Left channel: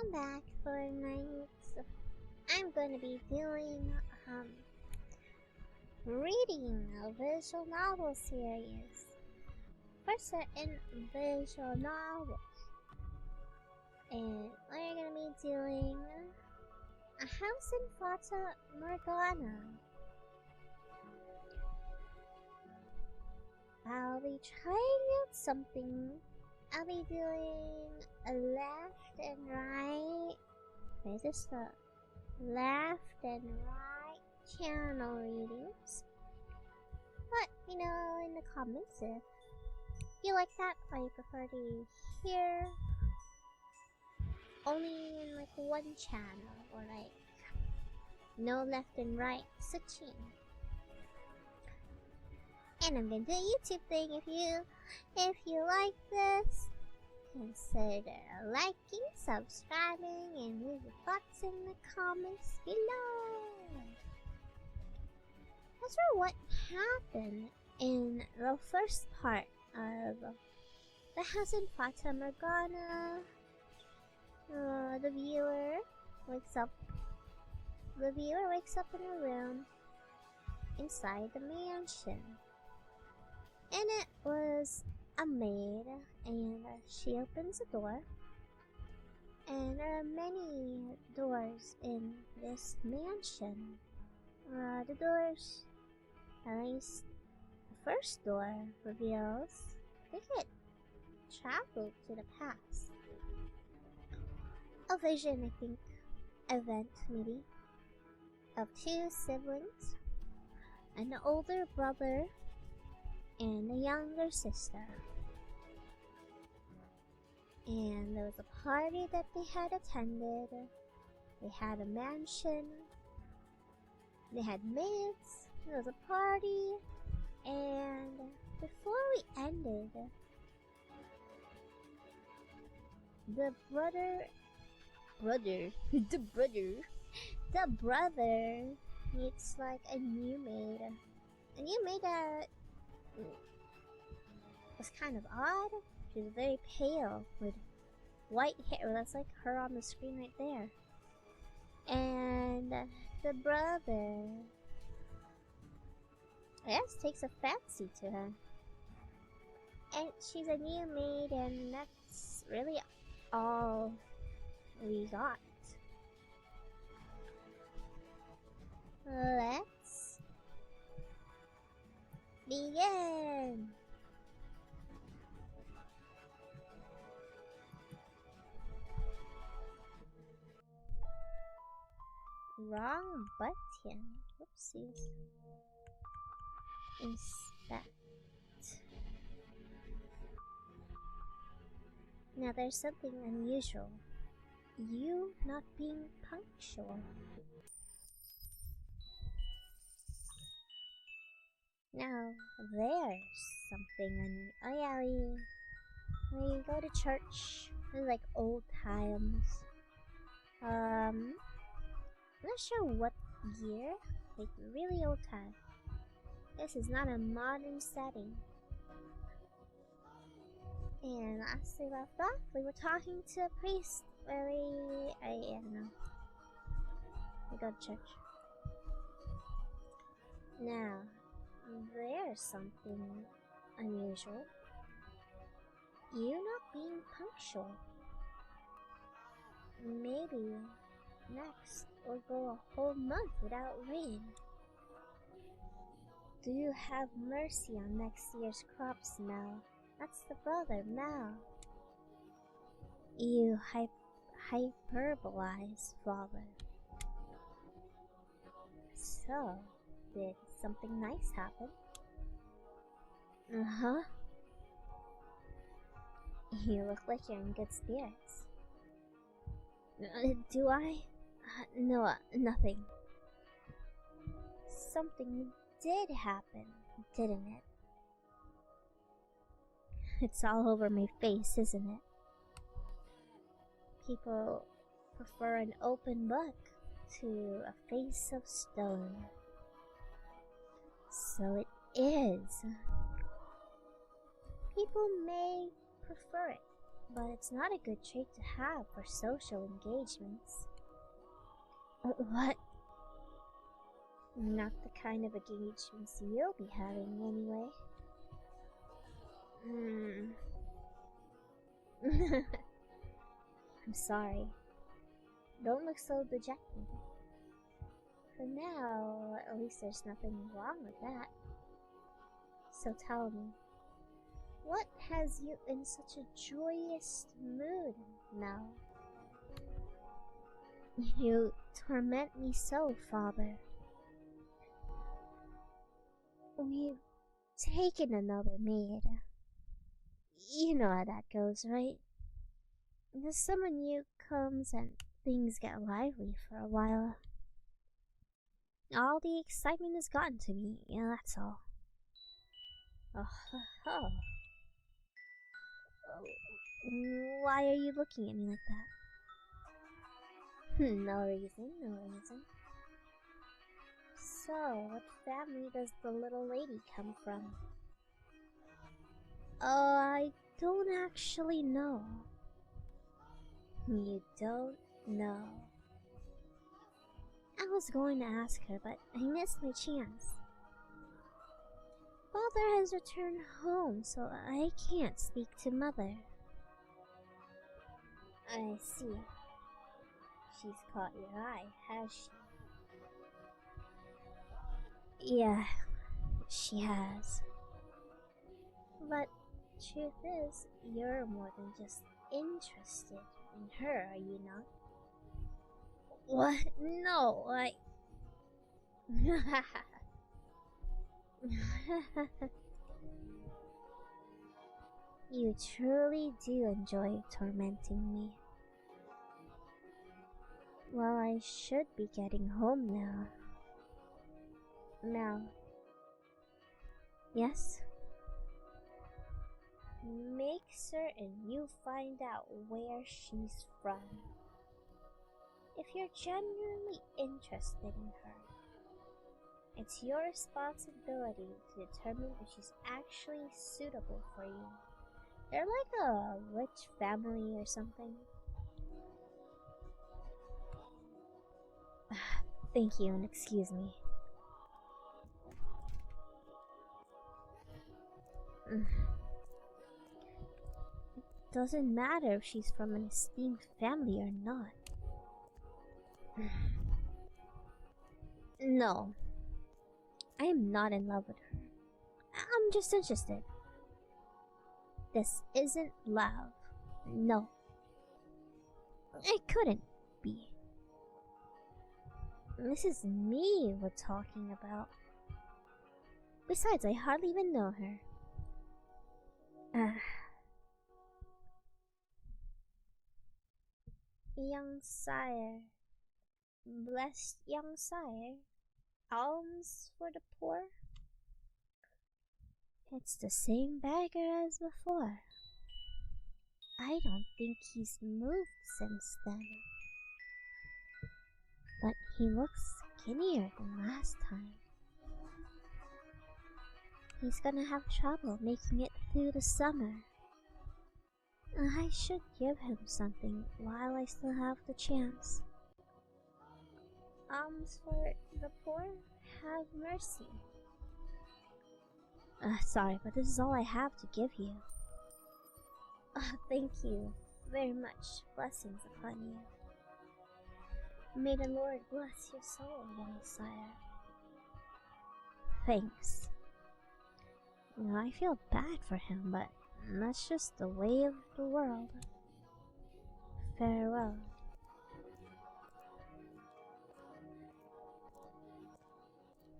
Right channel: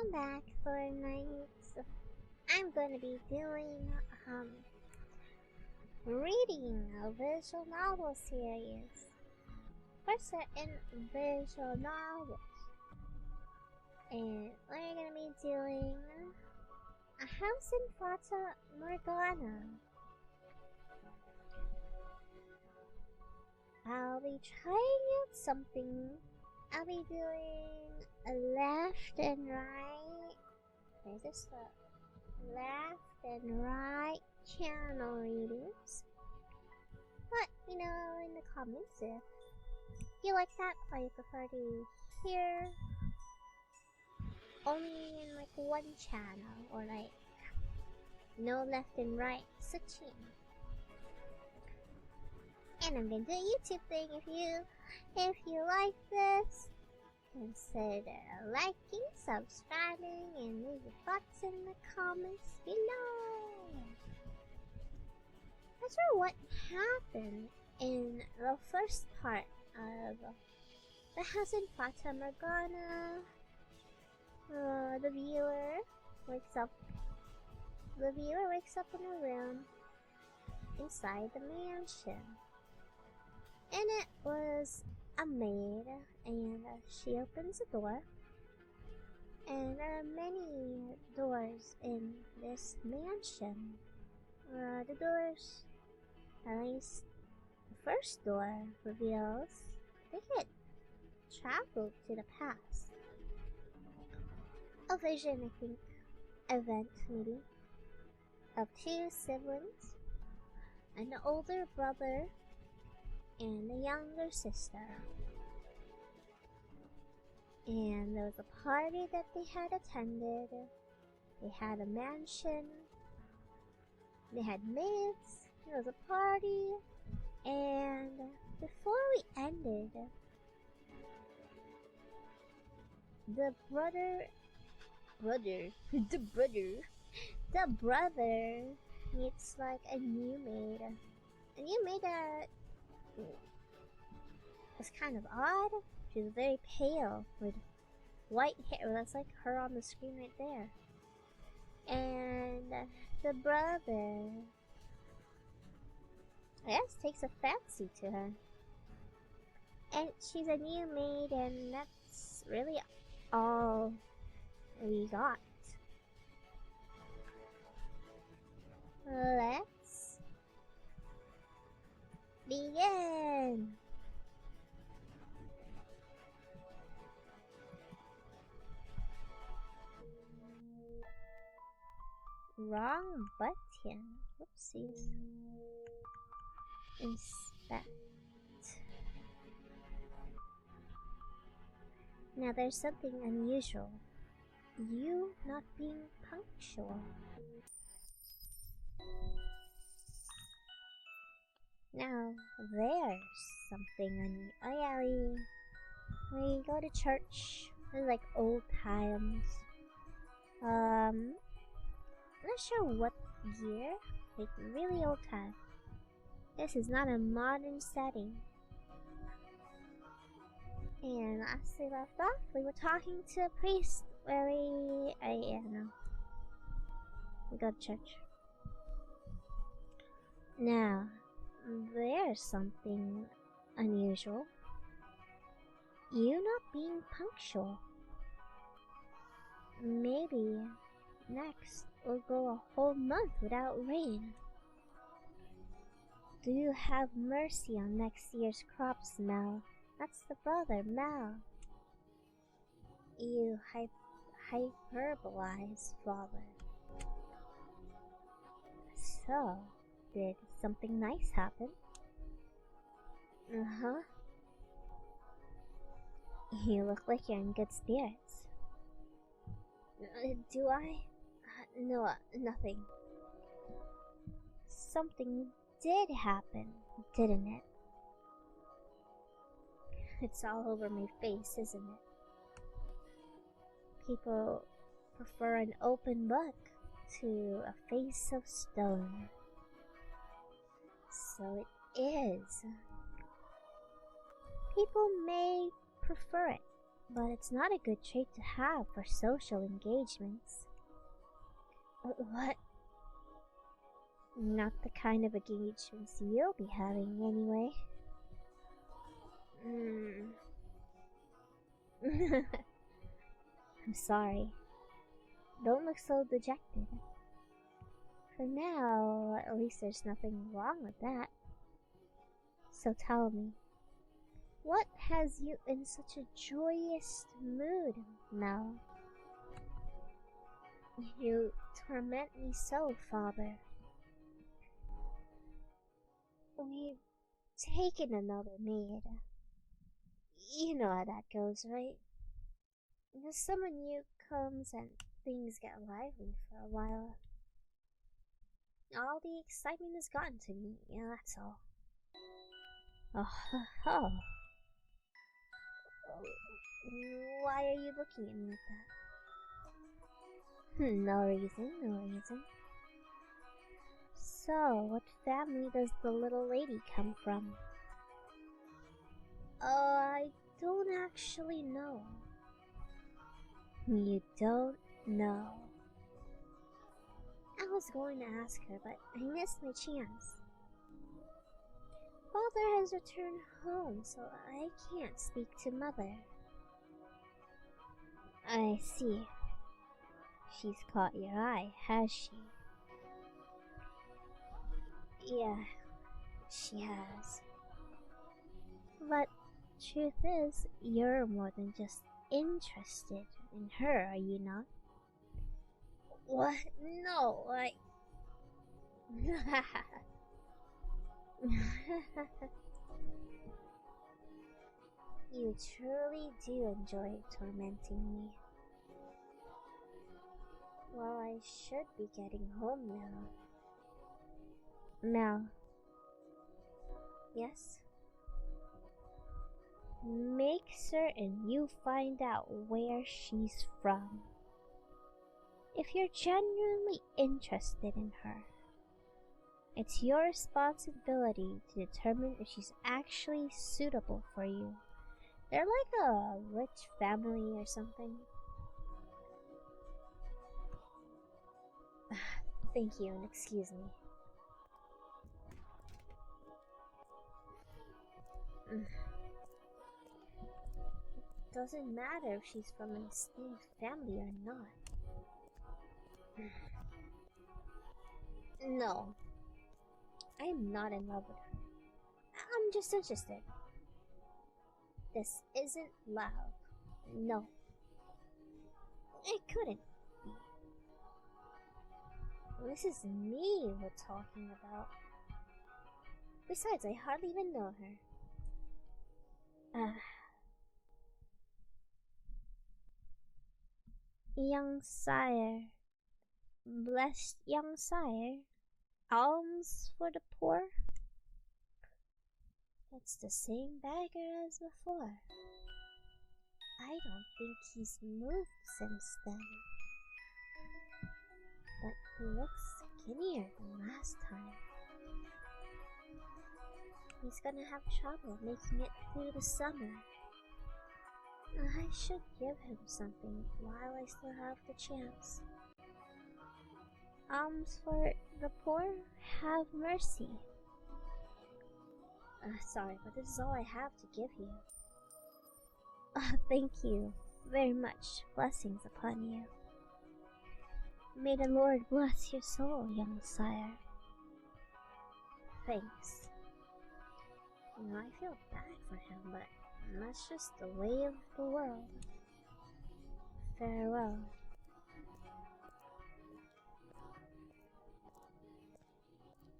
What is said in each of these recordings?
welcome back for tonight. I'm going to be doing reading a visual novel series. First in visual novels. And we're going to be doing A House in Fata, Morgana. I'll be trying out something. I'll be doing a left and right. Where's this the left and right channel readings? Let me know in the comments if you like that or you prefer to hear only in like one channel or like no left and right switching. And I'm gonna do a YouTube thing. If you like this, consider liking, subscribing, and leave your thoughts in the comments below. As for what happened in the first part of The House in Fata Morgana, the viewer wakes up in a room inside the mansion. And it was a maid, and she opens the door. And there are many doors in this mansion. The doors, at least the first door, reveals they get traveled to the past. A vision, I think, event maybe, of two siblings, an older brother and a younger sister. And there was a party that they had attended. They had a mansion. They had maids. There was a party. And before we ended, the brother meets like a new maid. A new maid that was kind of odd. She was very pale with white hair. That's like her on the screen right there. And the brother, I guess, takes a fancy to her. And she's a new maid, and that's really all we got. Let's begin! Wrong button. Oopsies. Inspect. Now there's something unusual. You not being punctual. Now there's something oh yeah, we go to church. It's like old times. I'm not sure what year. Like really old time. This is not a modern setting. And last we left off, we were talking to a priest where we go to church. Now, there's something unusual. You not being punctual. Maybe next we'll go a whole month without rain. Do you have mercy on next year's crops, Mel? That's the brother, Mel. You hyperbolize, father. So, did something nice happen? Uh-huh. You look like you're in good spirits. Do I? No, nothing. Something did happen, didn't it? It's all over my face, isn't it? People prefer an open book to a face of stone. So it is. People may prefer it, but it's not a good trait to have for social engagements. What? Not the kind of engagements you'll be having, anyway. I'm sorry. Don't look so dejected. For now, at least there's nothing wrong with that. So tell me, what has you in such a joyous mood, Mel? You torment me so, Father. We've taken another maid. You know how that goes, right? The summer new comes and things get lively for a while. All the excitement has gotten to me, yeah, that's all. Oh, oh. Why are you looking at me like that? No reason, no reason. So, what family does the little lady come from? I don't actually know. You don't know. I was going to ask her, but I missed my chance. Father has returned home, so I can't speak to Mother. I see. She's caught your eye, has she? Yeah, she has. But truth is, you're more than just interested in her, are you not? What? No, I... You truly do enjoy tormenting me. Well, I should be getting home now. Now. Yes? Make certain you find out where she's from. If you're genuinely interested in her, it's your responsibility to determine if she's actually suitable for you. They're like a rich family or something. Thank you and excuse me. Doesn't matter if she's from an esteemed family or not. No, I am not in love with her. I'm just interested. This isn't love. No. It couldn't be. This is me we're talking about. Besides, I hardly even know her. Young sire, blessed young sire, alms for the poor? It's the same beggar as before. I don't think he's moved since then. But he looks skinnier than last time. He's gonna have trouble making it through the summer. I should give him something while I still have the chance. Alms for the poor, have mercy. Sorry, but this is all I have to give you. Thank you very much. Blessings upon you. May the Lord bless your soul, young sire. Thanks. I feel bad for him, but that's just the way of the world. Farewell.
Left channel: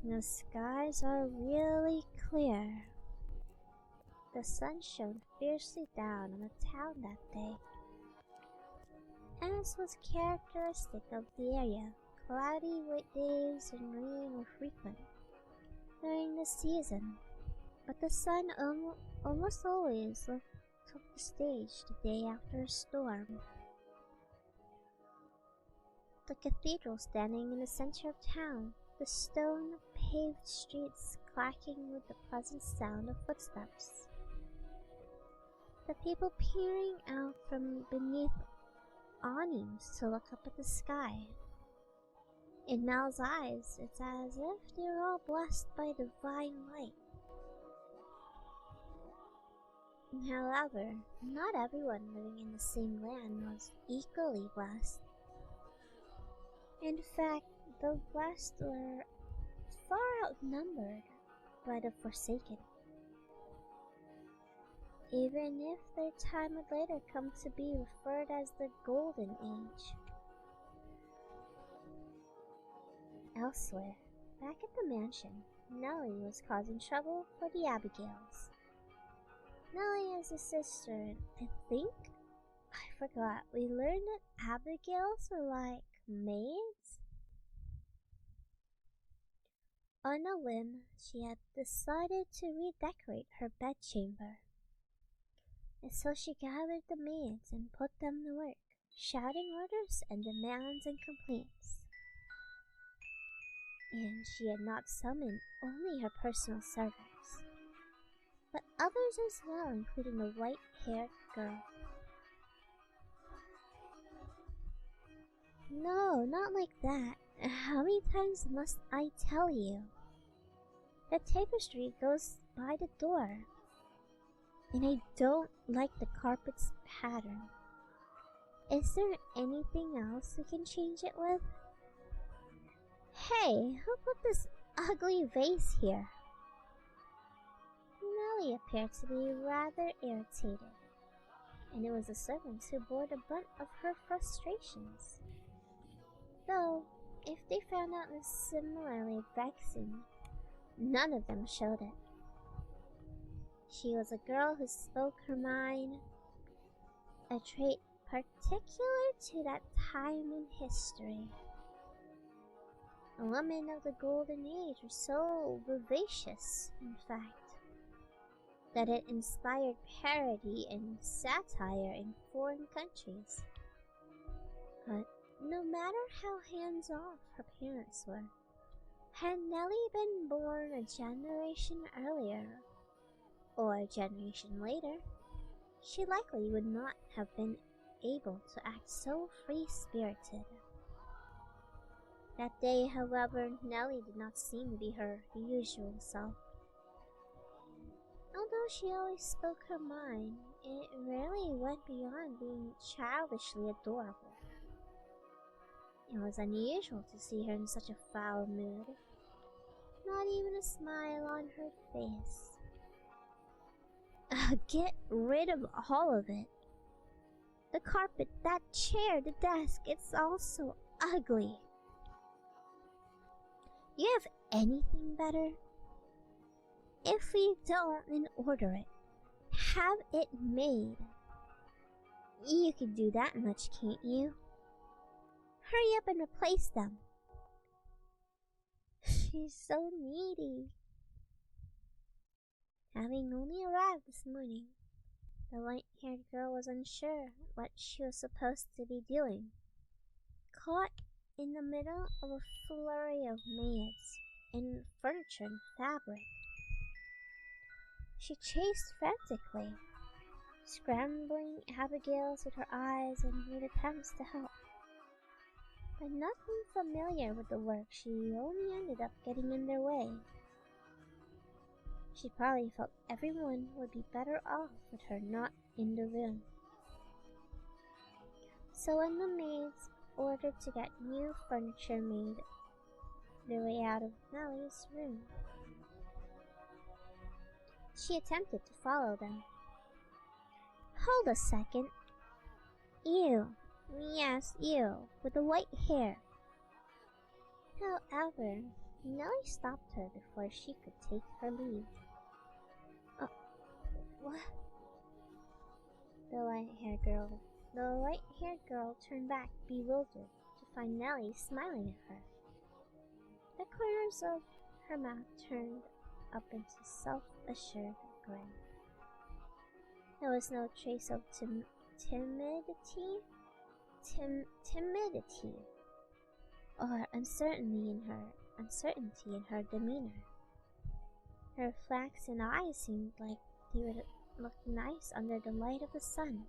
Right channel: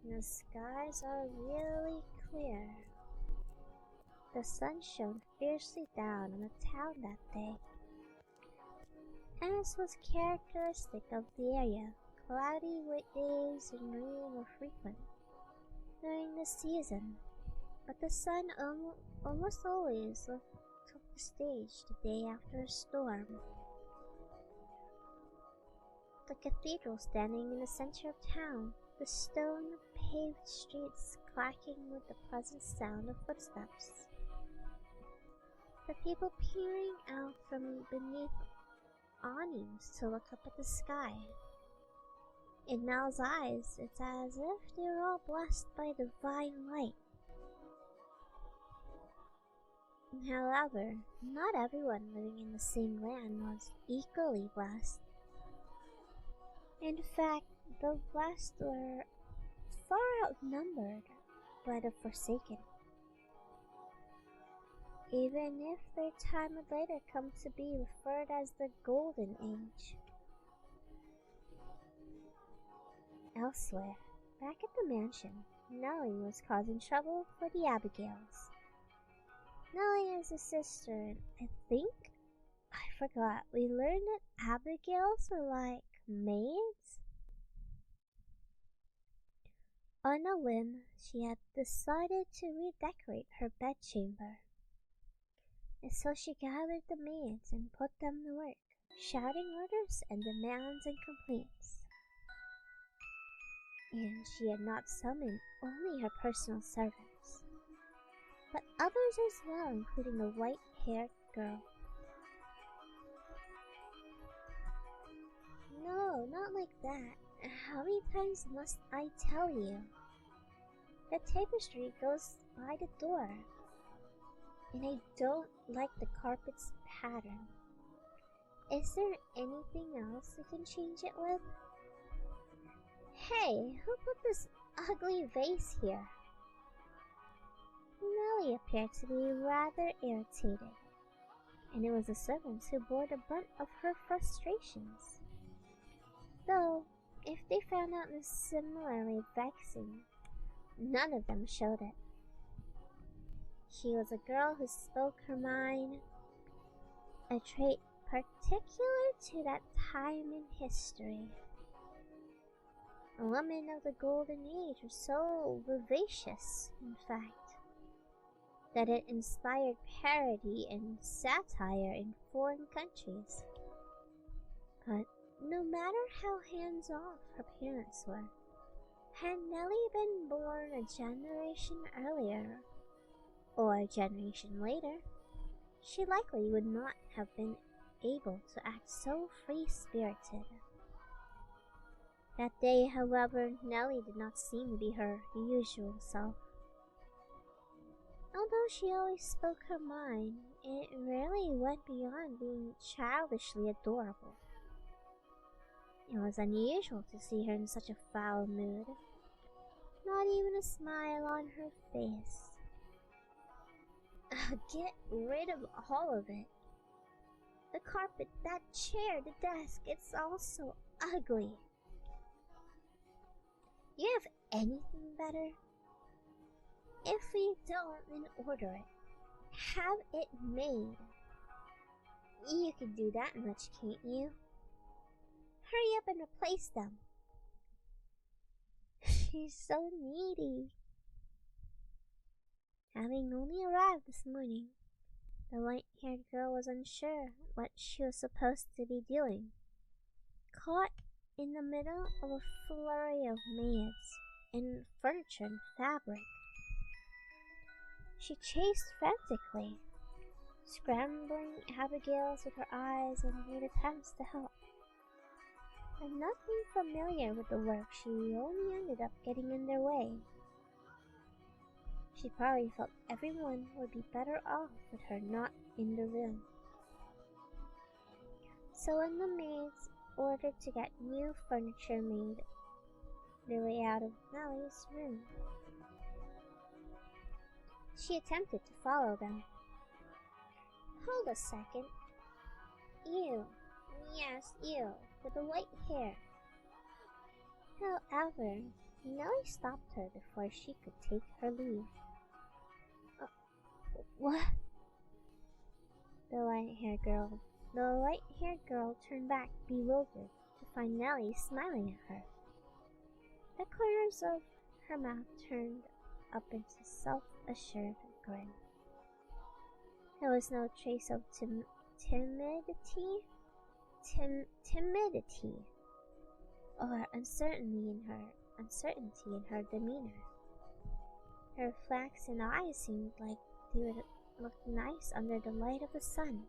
The skies are really clear. The sun shone fiercely down on the town that day. As was characteristic of the area, cloudy days and rain were frequent during the season, but the sun almost always took the stage the day after a storm. The cathedral standing in the center of town, the stone-paved streets clacking with the pleasant sound of footsteps. the people peering out from beneath awnings to look up at the sky. In Mel's eyes, it's as if they were all blessed by divine light. However, not everyone living in the same land was equally blessed. In fact, the blessed were far outnumbered by the forsaken, even if their time would later come to be referred as the Golden Age. Elsewhere, back at the mansion, Nellie was causing trouble for the Abigails. Nellie is a sister, and I forgot, we learned that Abigails were like maids? On a whim, she had decided to redecorate her bedchamber. And so she gathered the maids and put them to work, shouting orders and demands and complaints. And she had not summoned only her personal servants, but others as well, including the white-haired girl. No, not like that. How many times must I tell you? The tapestry goes by the door, and I don't like the carpet's pattern. Is there anything else we can change it with? Hey, who put this ugly vase here? Nellie appeared to be rather irritated, and it was the servants who bore the brunt of her frustrations. Though, if they found out this similarly vexing, none of them showed it. She was a girl who spoke her mind, a trait particular to that time in history. A woman of the Golden Age was so vivacious, in fact, that it inspired parody and satire in foreign countries. But no matter how hands-off her parents were, had Nellie been born a generation earlier, or a generation later, she likely would not have been able to act so free-spirited. That day, however, Nellie did not seem to be her usual self. Although she always spoke her mind, it rarely went beyond being childishly adorable. It was unusual to see her in such a foul mood. Not even a smile on her face. Get rid of all of it. The carpet, that chair, the desk, it's all so ugly. You have anything better? If we don't, then order it. Have it made. You can do that much, can't you? Hurry up and replace them. She's so needy. Having only arrived this morning, the white-haired girl was unsure what she was supposed to be doing. Caught in the middle of a flurry of maids and furniture and fabric, she chased frantically, scrambling Abigail's with her eyes and made attempts to help. But nothing familiar with the work, she only ended up getting in their way. She probably felt everyone would be better off with her not in the room. So when the maids ordered to get new furniture made their way out of Nellie's room, she attempted to follow them. Hold a second. You, yes, you, with the white hair. However, Nellie stopped her before she could take her leave. What? The white-haired girl turned back, bewildered, to find Nellie smiling at her. The corners of her mouth turned up into self-assured grin. There was no trace of timidity or uncertainty in her demeanor. Her flaxen eyes seemed like look nice under the light of the sun.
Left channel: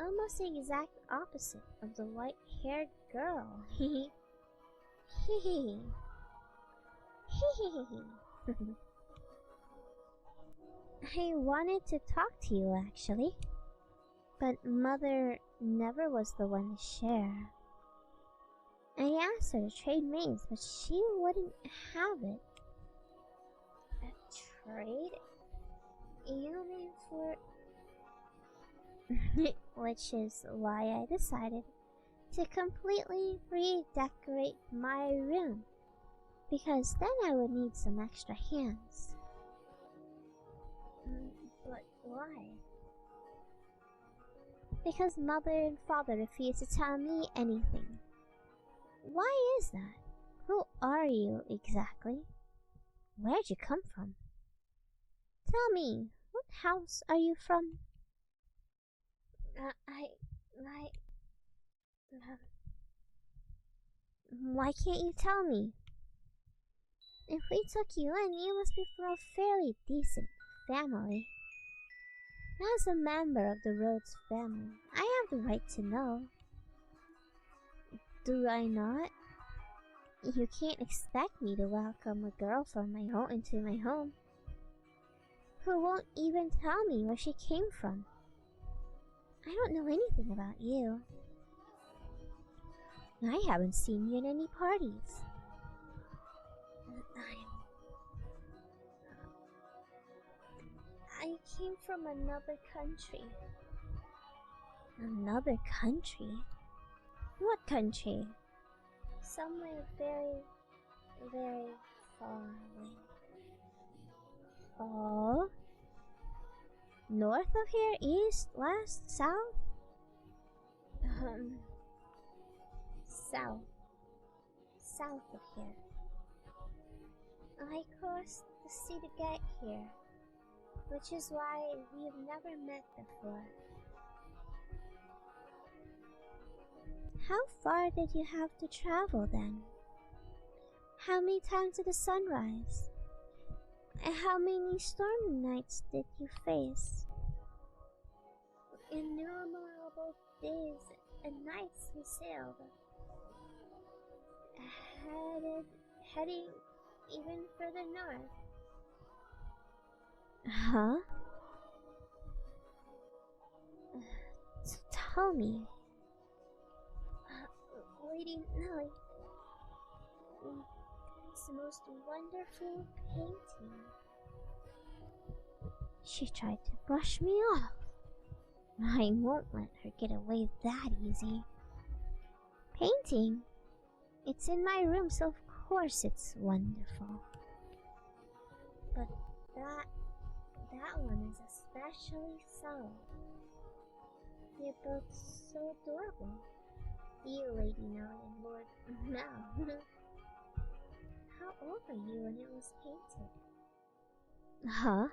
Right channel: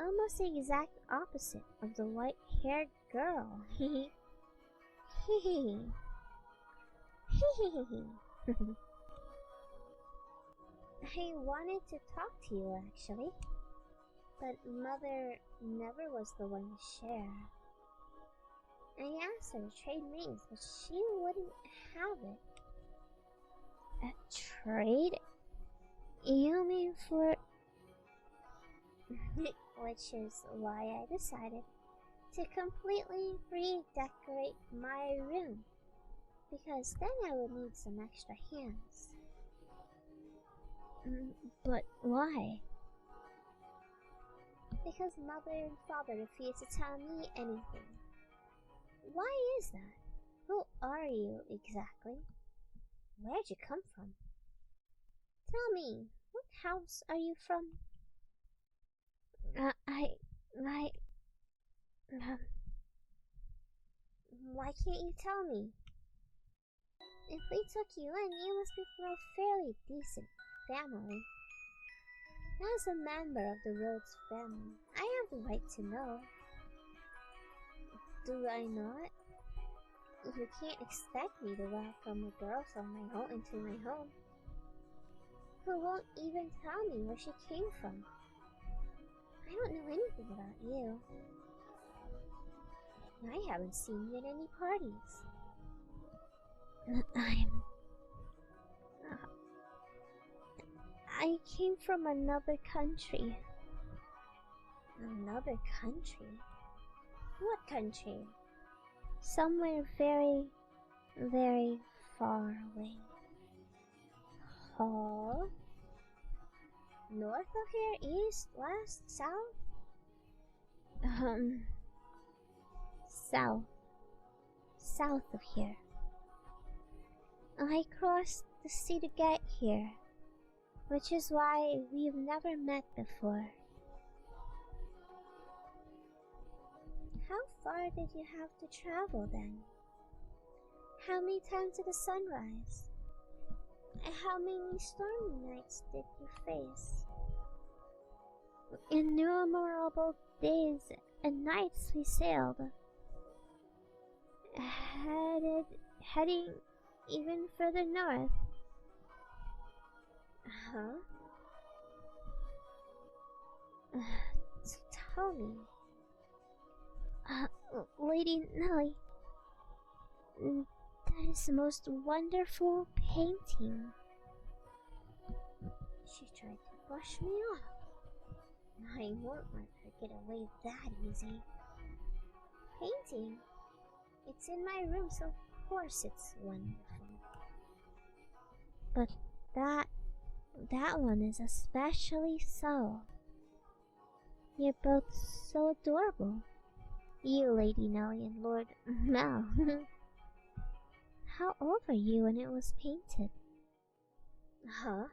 Almost the exact opposite of the white-haired girl. Hee hee. I wanted to talk to you actually, but Mother never was the one to share. I asked her to trade names, but she wouldn't have it. A trade? You mean for... Which is why I decided to completely redecorate my room, because then I would need some extra hands. But why? Because Mother and Father refused to tell me anything. Why is that? Who are you exactly? Where'd you come from? Tell me, what house are you from? Why can't you tell me? If we took you in, you must be from a fairly decent family. As a member of the Rhodes family, I have the right to know. Do I not? You can't expect me to welcome a girl from my home into my home, who won't even tell me where she came from. I don't know anything about you. I haven't seen you at any parties. I came from another country. Another country? What country? Somewhere very, very far away. Huh? North of here? East? West? South? South. South of here. I crossed the sea to get here, which is why we've never met before. How far did you have to travel then? How many times did the sun rise? How many stormy nights did you face? Innumerable days and nights we sailed, heading even further north. Huh? Tell me, Lady Nellie, that is the most wonderful painting. She tried to brush me off. I won't let her get away that easy. Painting? It's in my room, so of course it's wonderful. But that one is especially so. You're both so adorable. You, Lady Nellie, and Lord Mel. How old were you when it was painted? Huh?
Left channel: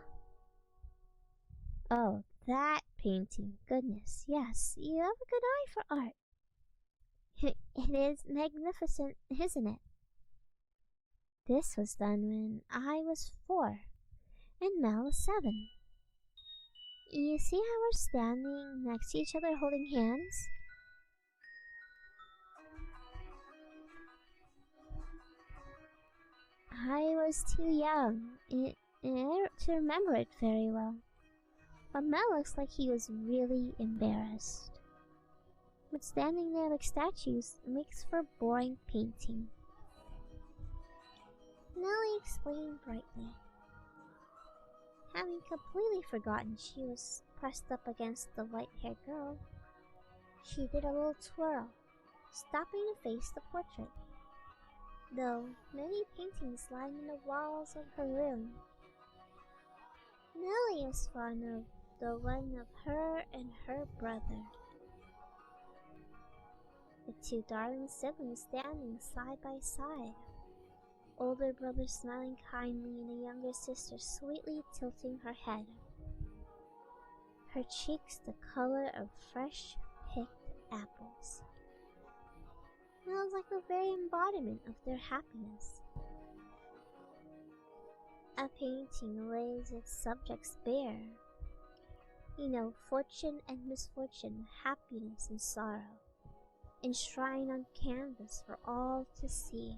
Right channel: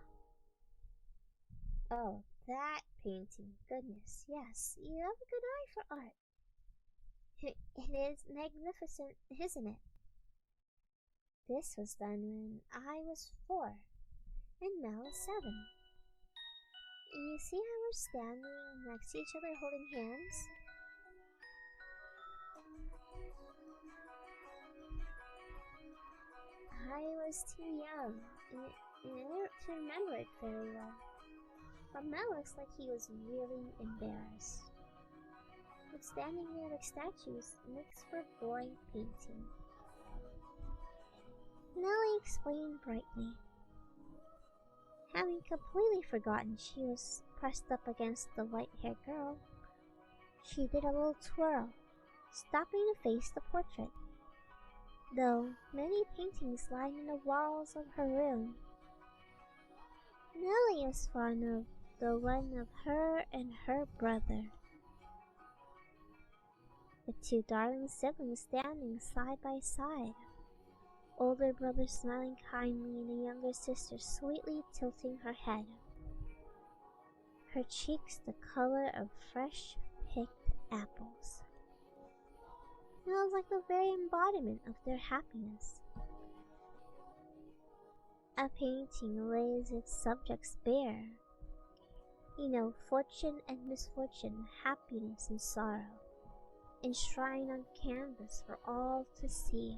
Oh, that painting. Goodness, yes, you have a good eye for art. It is magnificent, isn't it? This was done when I was 4 and Mel was 7. You see how we're standing next to each other holding hands? I was too young to remember it very well. But Mel looks like he was really embarrassed. But standing there like statues makes for boring painting. Nellie explained brightly. Having completely forgotten she was pressed up against the white-haired girl, she did a little twirl, stopping to face the portrait. Though many paintings lined the walls of her room, Nellie was fond of the one of her and her brother. The two darling siblings standing side by side, older brother smiling kindly and the younger sister sweetly tilting her head, her cheeks the color of fresh picked apples. It was like the very embodiment of their happiness. A painting lays its subjects bare. You know, fortune and misfortune, happiness and sorrow, enshrined on canvas for all to see.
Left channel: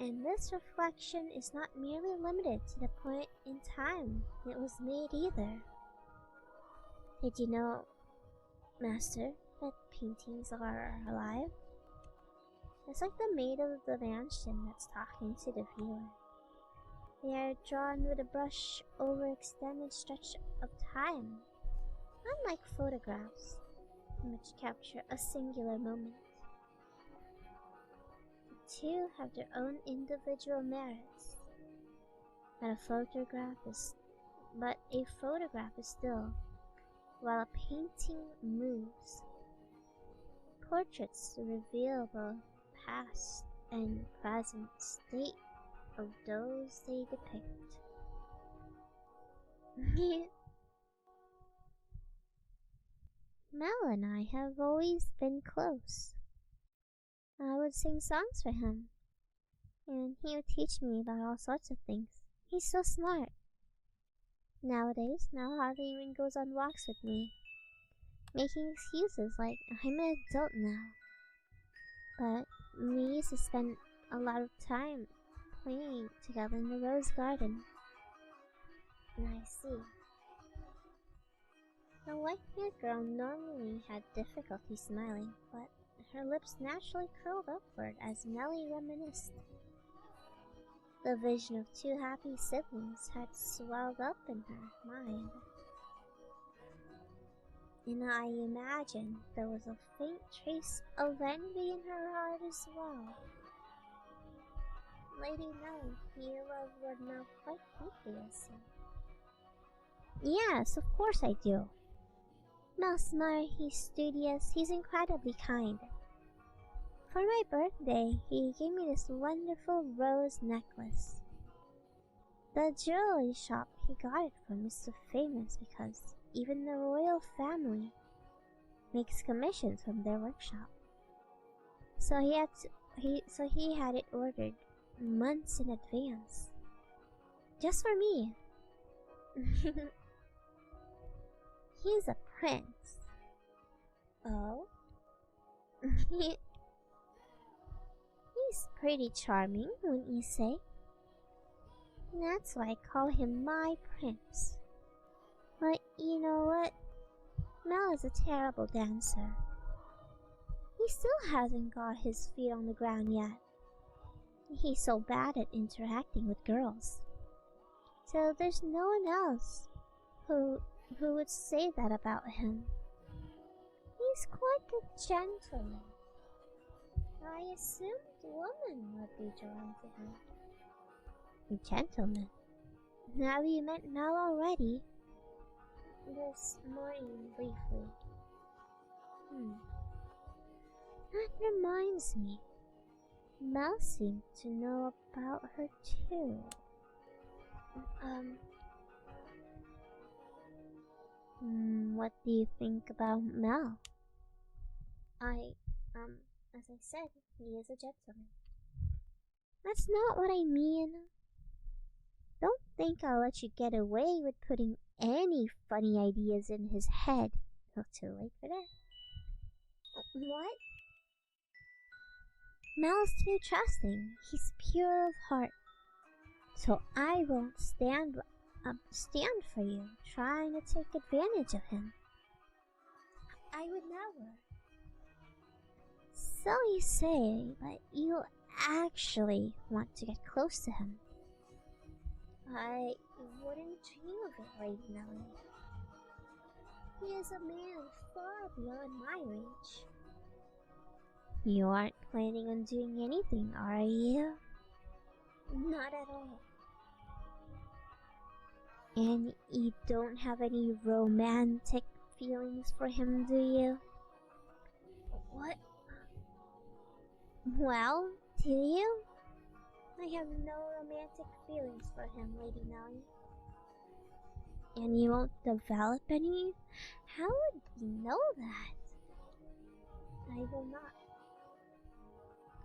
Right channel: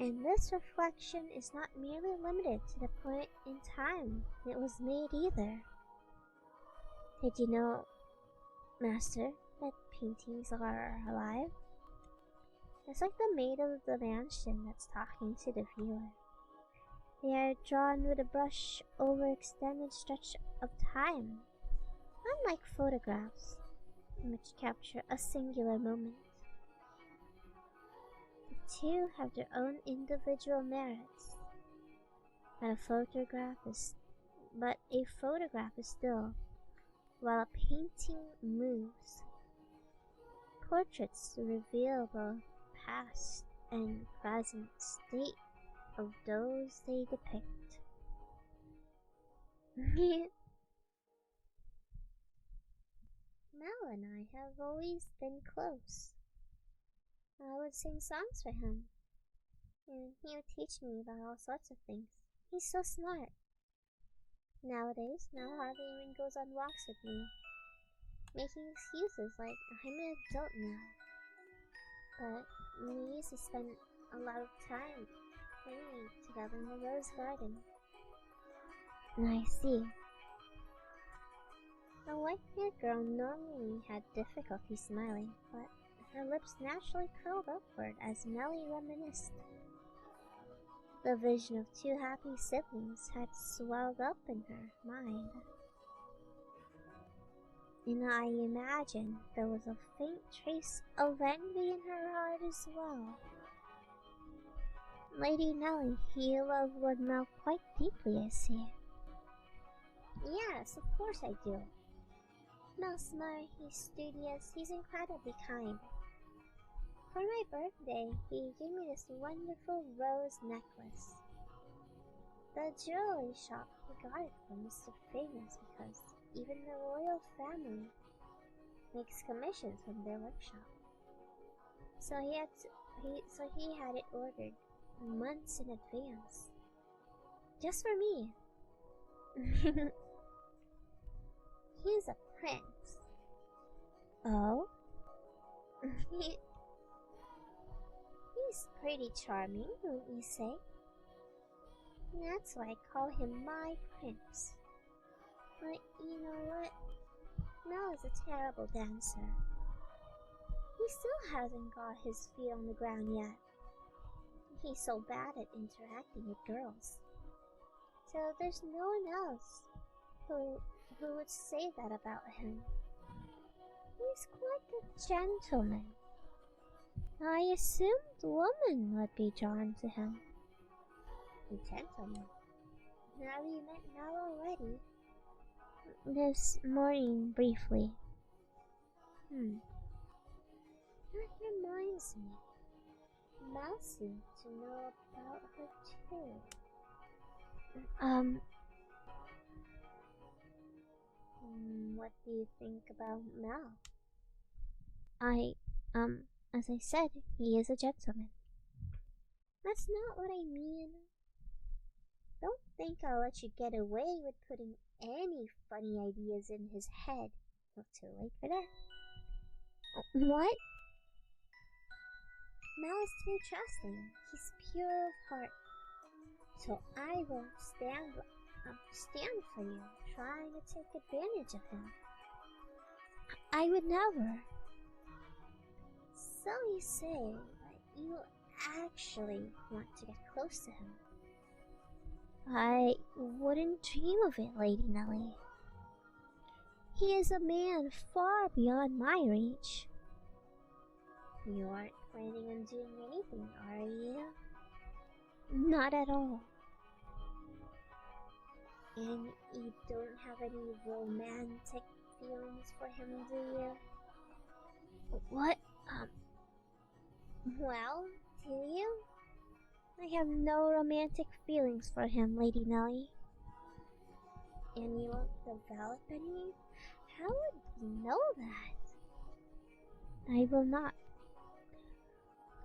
And this reflection is not merely limited to the point in time it was made either. Did you know, Master, that paintings are alive? It's like the maid of the mansion that's talking to the viewer. They are drawn with a brush over extended stretch of time, unlike photographs, which capture a singular moment. The two have their own individual merits, but a photograph is still, while a painting moves. Portraits reveal the past and present state of those they depict. Mel and I have always been close. I would sing songs for him, and he would teach me about all sorts of things. He's so smart. Nowadays, Mel hardly even goes on walks with me, making excuses like I'm an adult now. But we used to spend a lot of time playing together in the rose garden. I see. The white-haired girl normally had difficulty smiling, but her lips naturally curled upward as Nellie reminisced. The vision of two happy siblings had swelled up in her mind, and I imagine there was a faint trace of envy in her heart as well. Lady Nellie, you love Lord Mel quite deeply, I see. Yes, of course I do. Mel's smart, he's studious, he's incredibly kind. For my birthday, he gave me this wonderful rose necklace. The jewelry shop he got it from is so famous because even the royal family makes commissions from their workshop. So he had it ordered months in advance, just for me. He's a prince. Oh? He's pretty charming, wouldn't you say? That's why I call him my prince. But you know what? Mel is a terrible dancer. He still hasn't got his feet on the ground yet. He's so bad at interacting with girls. So there's no one else who would say that about him. He's quite a gentleman. I assumed women would be drawn to him. A gentleman? Have you met Mel already? This morning, briefly. That reminds me. Mel seemed to know about her too. What do you think about Mel? As I said, he is a gentleman. That's not what I mean. Don't think I'll let you get away with putting any funny ideas in his head. Not too late for that. What? Mel's too trusting. He's pure of heart. So I won't stand for you trying to take advantage of him. I would never. So you say, but you actually want to get close to him. I wouldn't dream of it, Lady Nellie. He is a man far beyond my reach. You aren't planning on doing anything, are you? Not at all. And you don't have any romantic feelings for him, do you? What? Well, do you? I have no romantic feelings for him, Lady Nellie. And you won't develop any? How would you know that? I will not.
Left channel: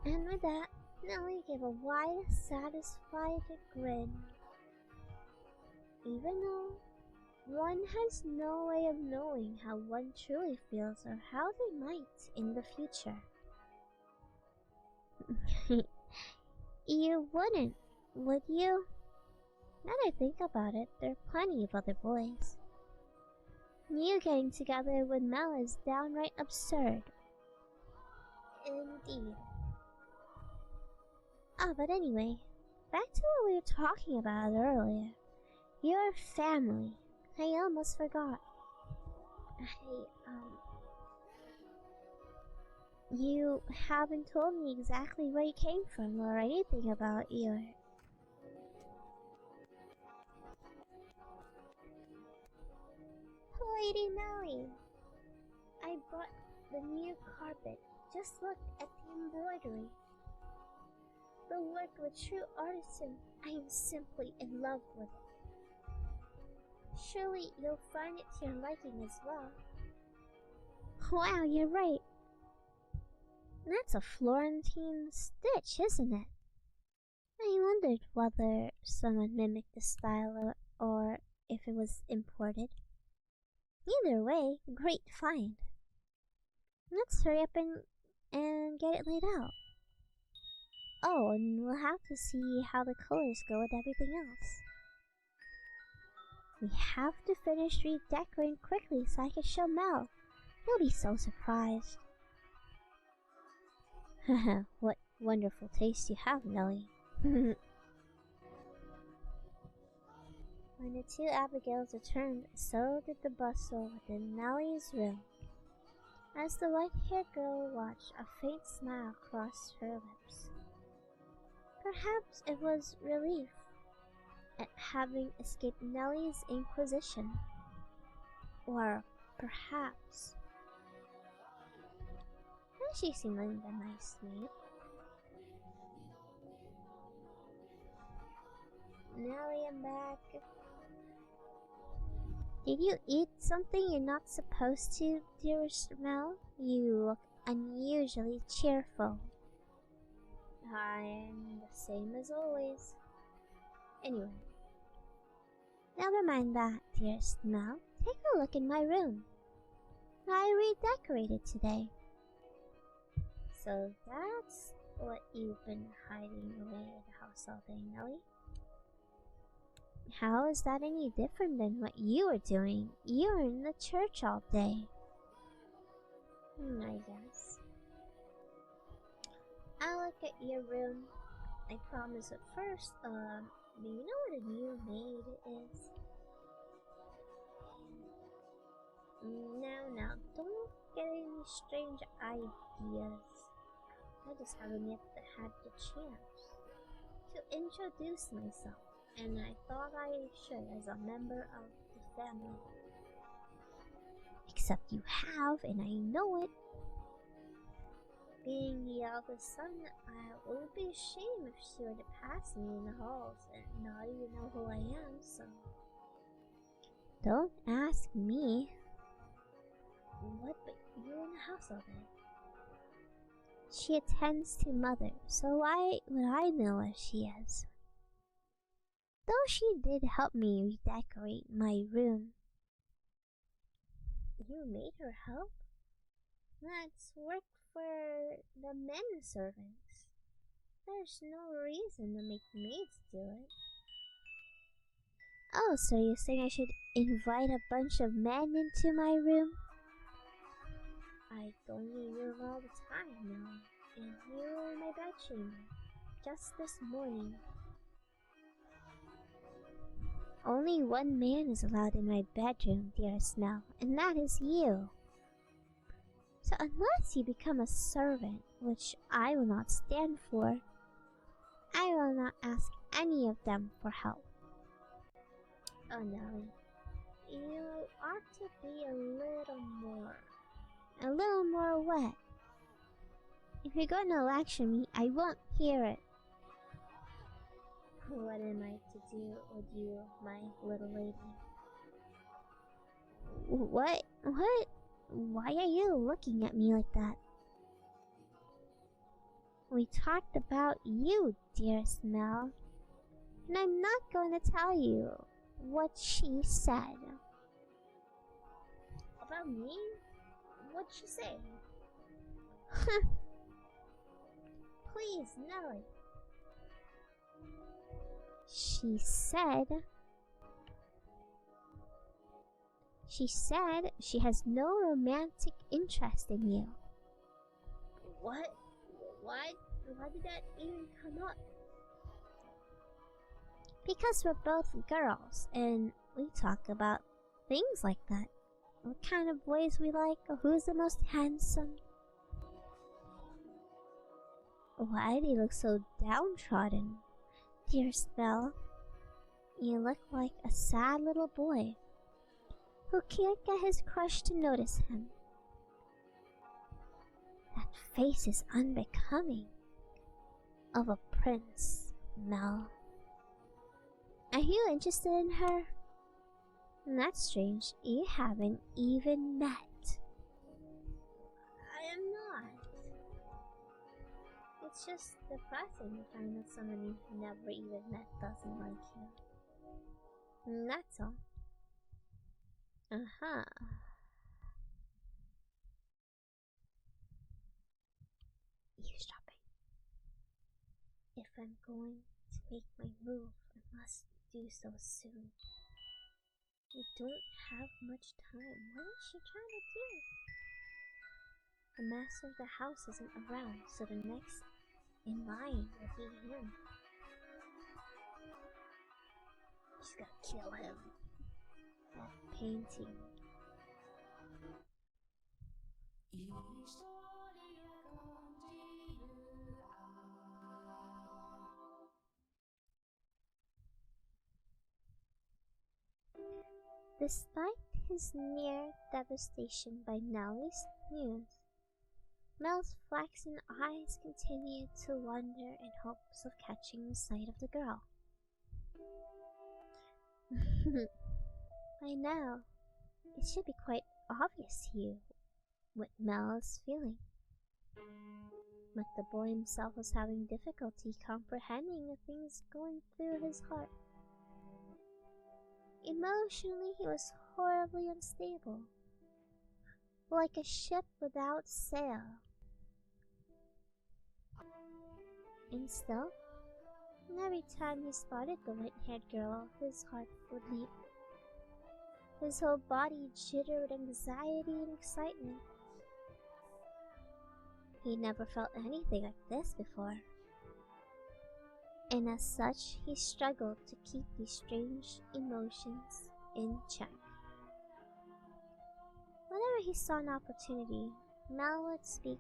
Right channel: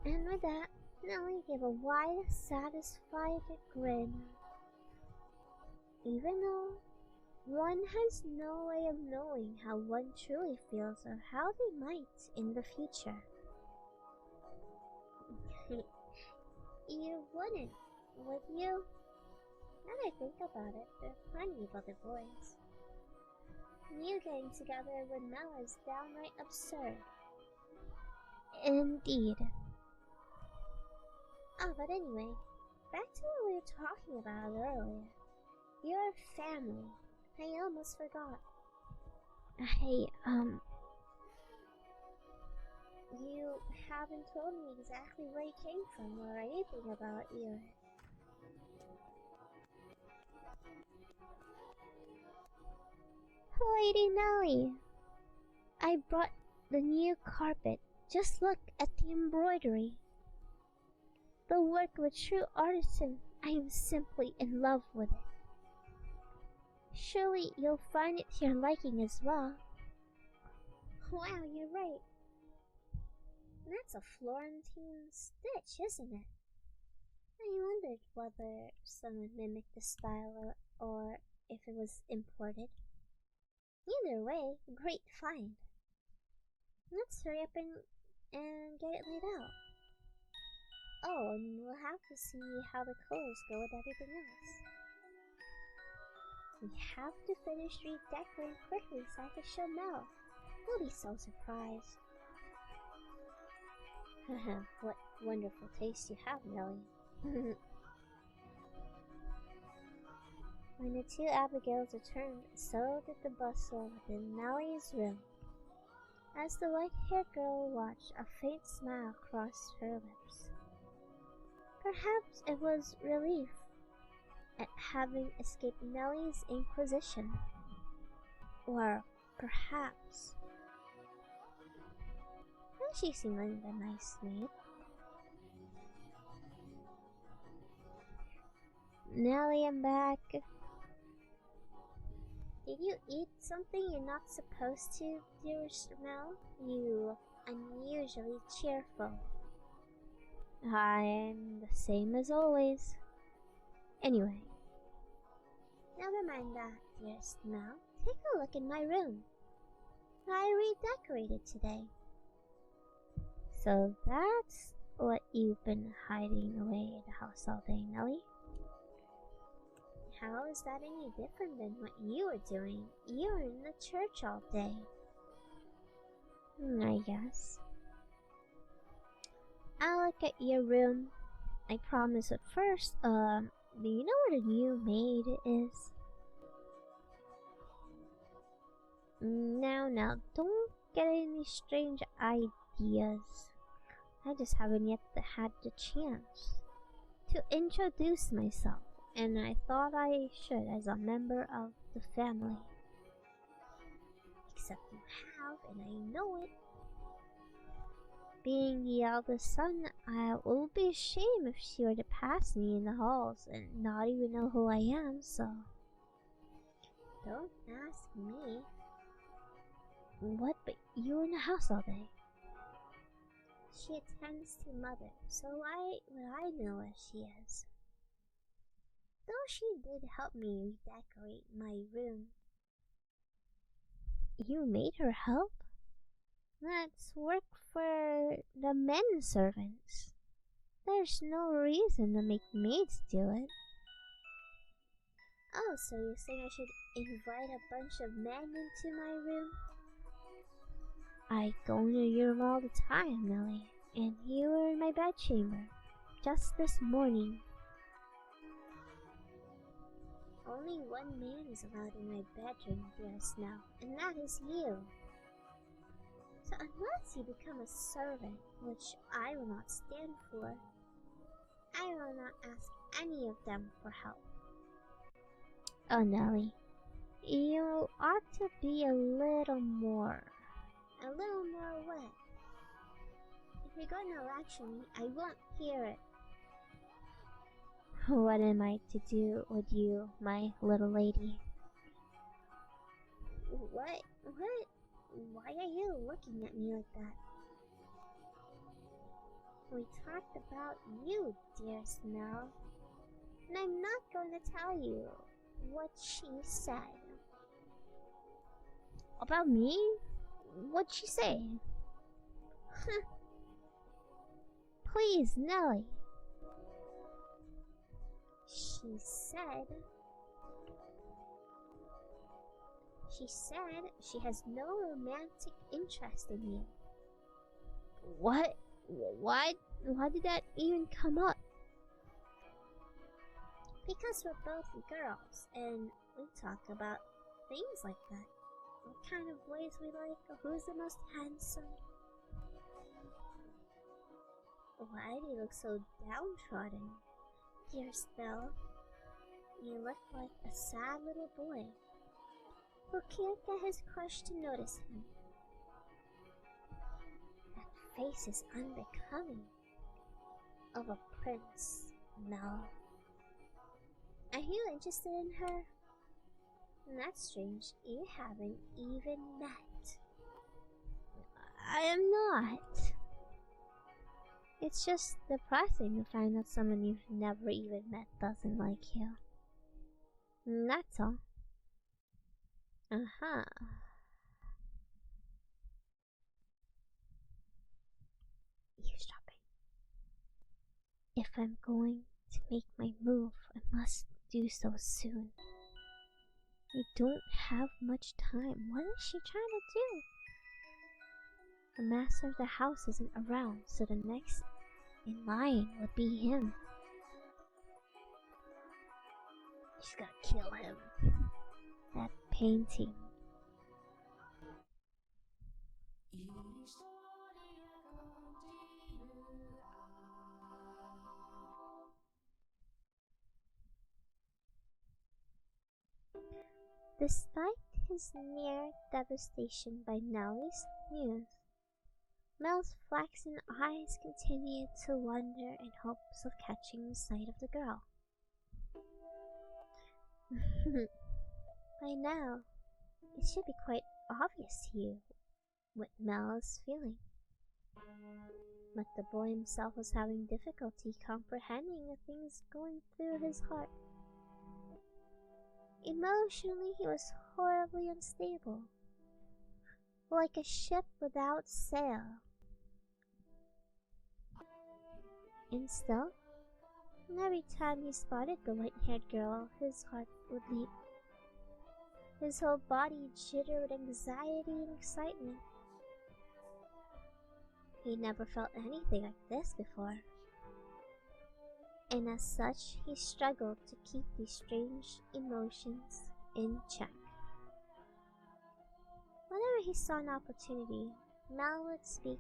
And with that, Nellie gave a wide, satisfied grin. Even though one has no way of knowing how one truly feels or how they might in the future. You wouldn't, would you? Now that I think about it, there are plenty of other boys. You getting together with Mel is downright absurd. Indeed. But anyway, back to what we were talking about earlier. Your family. I almost forgot. Hey, you haven't told me exactly where you came from or anything about your... Lady Nellie! I brought the new carpet. Just look at the embroidery. The work of a true artisan. I am simply in love with it. Surely you'll find it to your liking as well. Wow, you're right. That's a Florentine stitch, isn't it? I wondered whether someone mimicked the style or if it was imported. Either way, great find. Let's hurry up and get it laid out. Oh, and we'll have to see how the colors go with everything else. We have to finish redecorating quickly so I can show Mel. He'll be so surprised. Haha, what wonderful taste you have, Nellie. When the two Abigails returned, so did the bustle within Nellie's room. As the white-haired girl watched, a faint smile crossed her lips. Perhaps it was relief at having escaped Nellie's inquisition. Or perhaps... She seemed like a nice maid. Nellie, I'm back. Did you eat something you're not supposed to, dearest Mel? You look unusually cheerful. I'm the same as always. Anyway, never mind that, dearest Mel. Take a look in my room. I redecorated today. So that's what you've been hiding away at the house all day, Nellie? How is that any different than what you were doing? You were in the church all day. I guess. I'll look at your room. I promise at first, do you know where the new maid is? Now, don't get any strange ideas. I just haven't yet had the chance to introduce myself, and I thought I should as a member of the family. Except you have, and I know it. Being the eldest son, I will be ashamed if she were to pass me in the halls and not even know who I am, so... Don't ask me. What, but you were in the house all day? She attends to Mother, so why would I know where she is? Though she did help me redecorate my room. You made her help? That's work for the men servants. There's no reason to make maids do it. Oh, so you're saying I should invite a bunch of men into my room? I go into your room all the time, Nellie, and you were in my bedchamber just this morning. Only one man is allowed in my bedroom, dearest Nell, and that is you. So unless you become a servant, which I will not stand for, I will not ask any of them for help. Oh, Nellie, you ought to be a little more wet. If you're going to lecture me, I won't hear it. What am I to do with you, my little lady? What? Why are you looking at me like that? We talked about you, dearest Mel, and I'm not going to tell you what she said. About me? What'd she say? Please, Nellie. She said she has no romantic interest in you. What? Why did that even come up? Because we're both girls, and we talk about things like that. What kind of boys we like, or who's the most handsome. Why do you look so downtrodden, dearest Belle? You look like a sad little boy who can't get his crush to notice him. That face is unbecoming of a prince, Mel. Are you interested in her? That's strange. You haven't even met. I am not. It's just depressing to find out someone you've never even met doesn't like you. That's all. Eavesdropping. If I'm going to make my move, I must do so soon. I don't have much time. What is she trying to do? The master of the house isn't around, so the next in line would be him. She's gotta kill him. That painting. Despite his near devastation by Nellie's news, Mel's flaxen eyes continued to wander in hopes of catching sight of the girl. By now, it should be quite obvious to you what Mel is feeling. But the boy himself was having difficulty comprehending the things going through his heart. Emotionally, he was horribly unstable, like a ship without sail. And still, every time he spotted the white-haired girl, his heart would leap. His whole body jittered with anxiety and excitement. He never felt anything like this before, and as such, he struggled to keep these strange emotions in check. Whenever he saw an opportunity, Mel would speak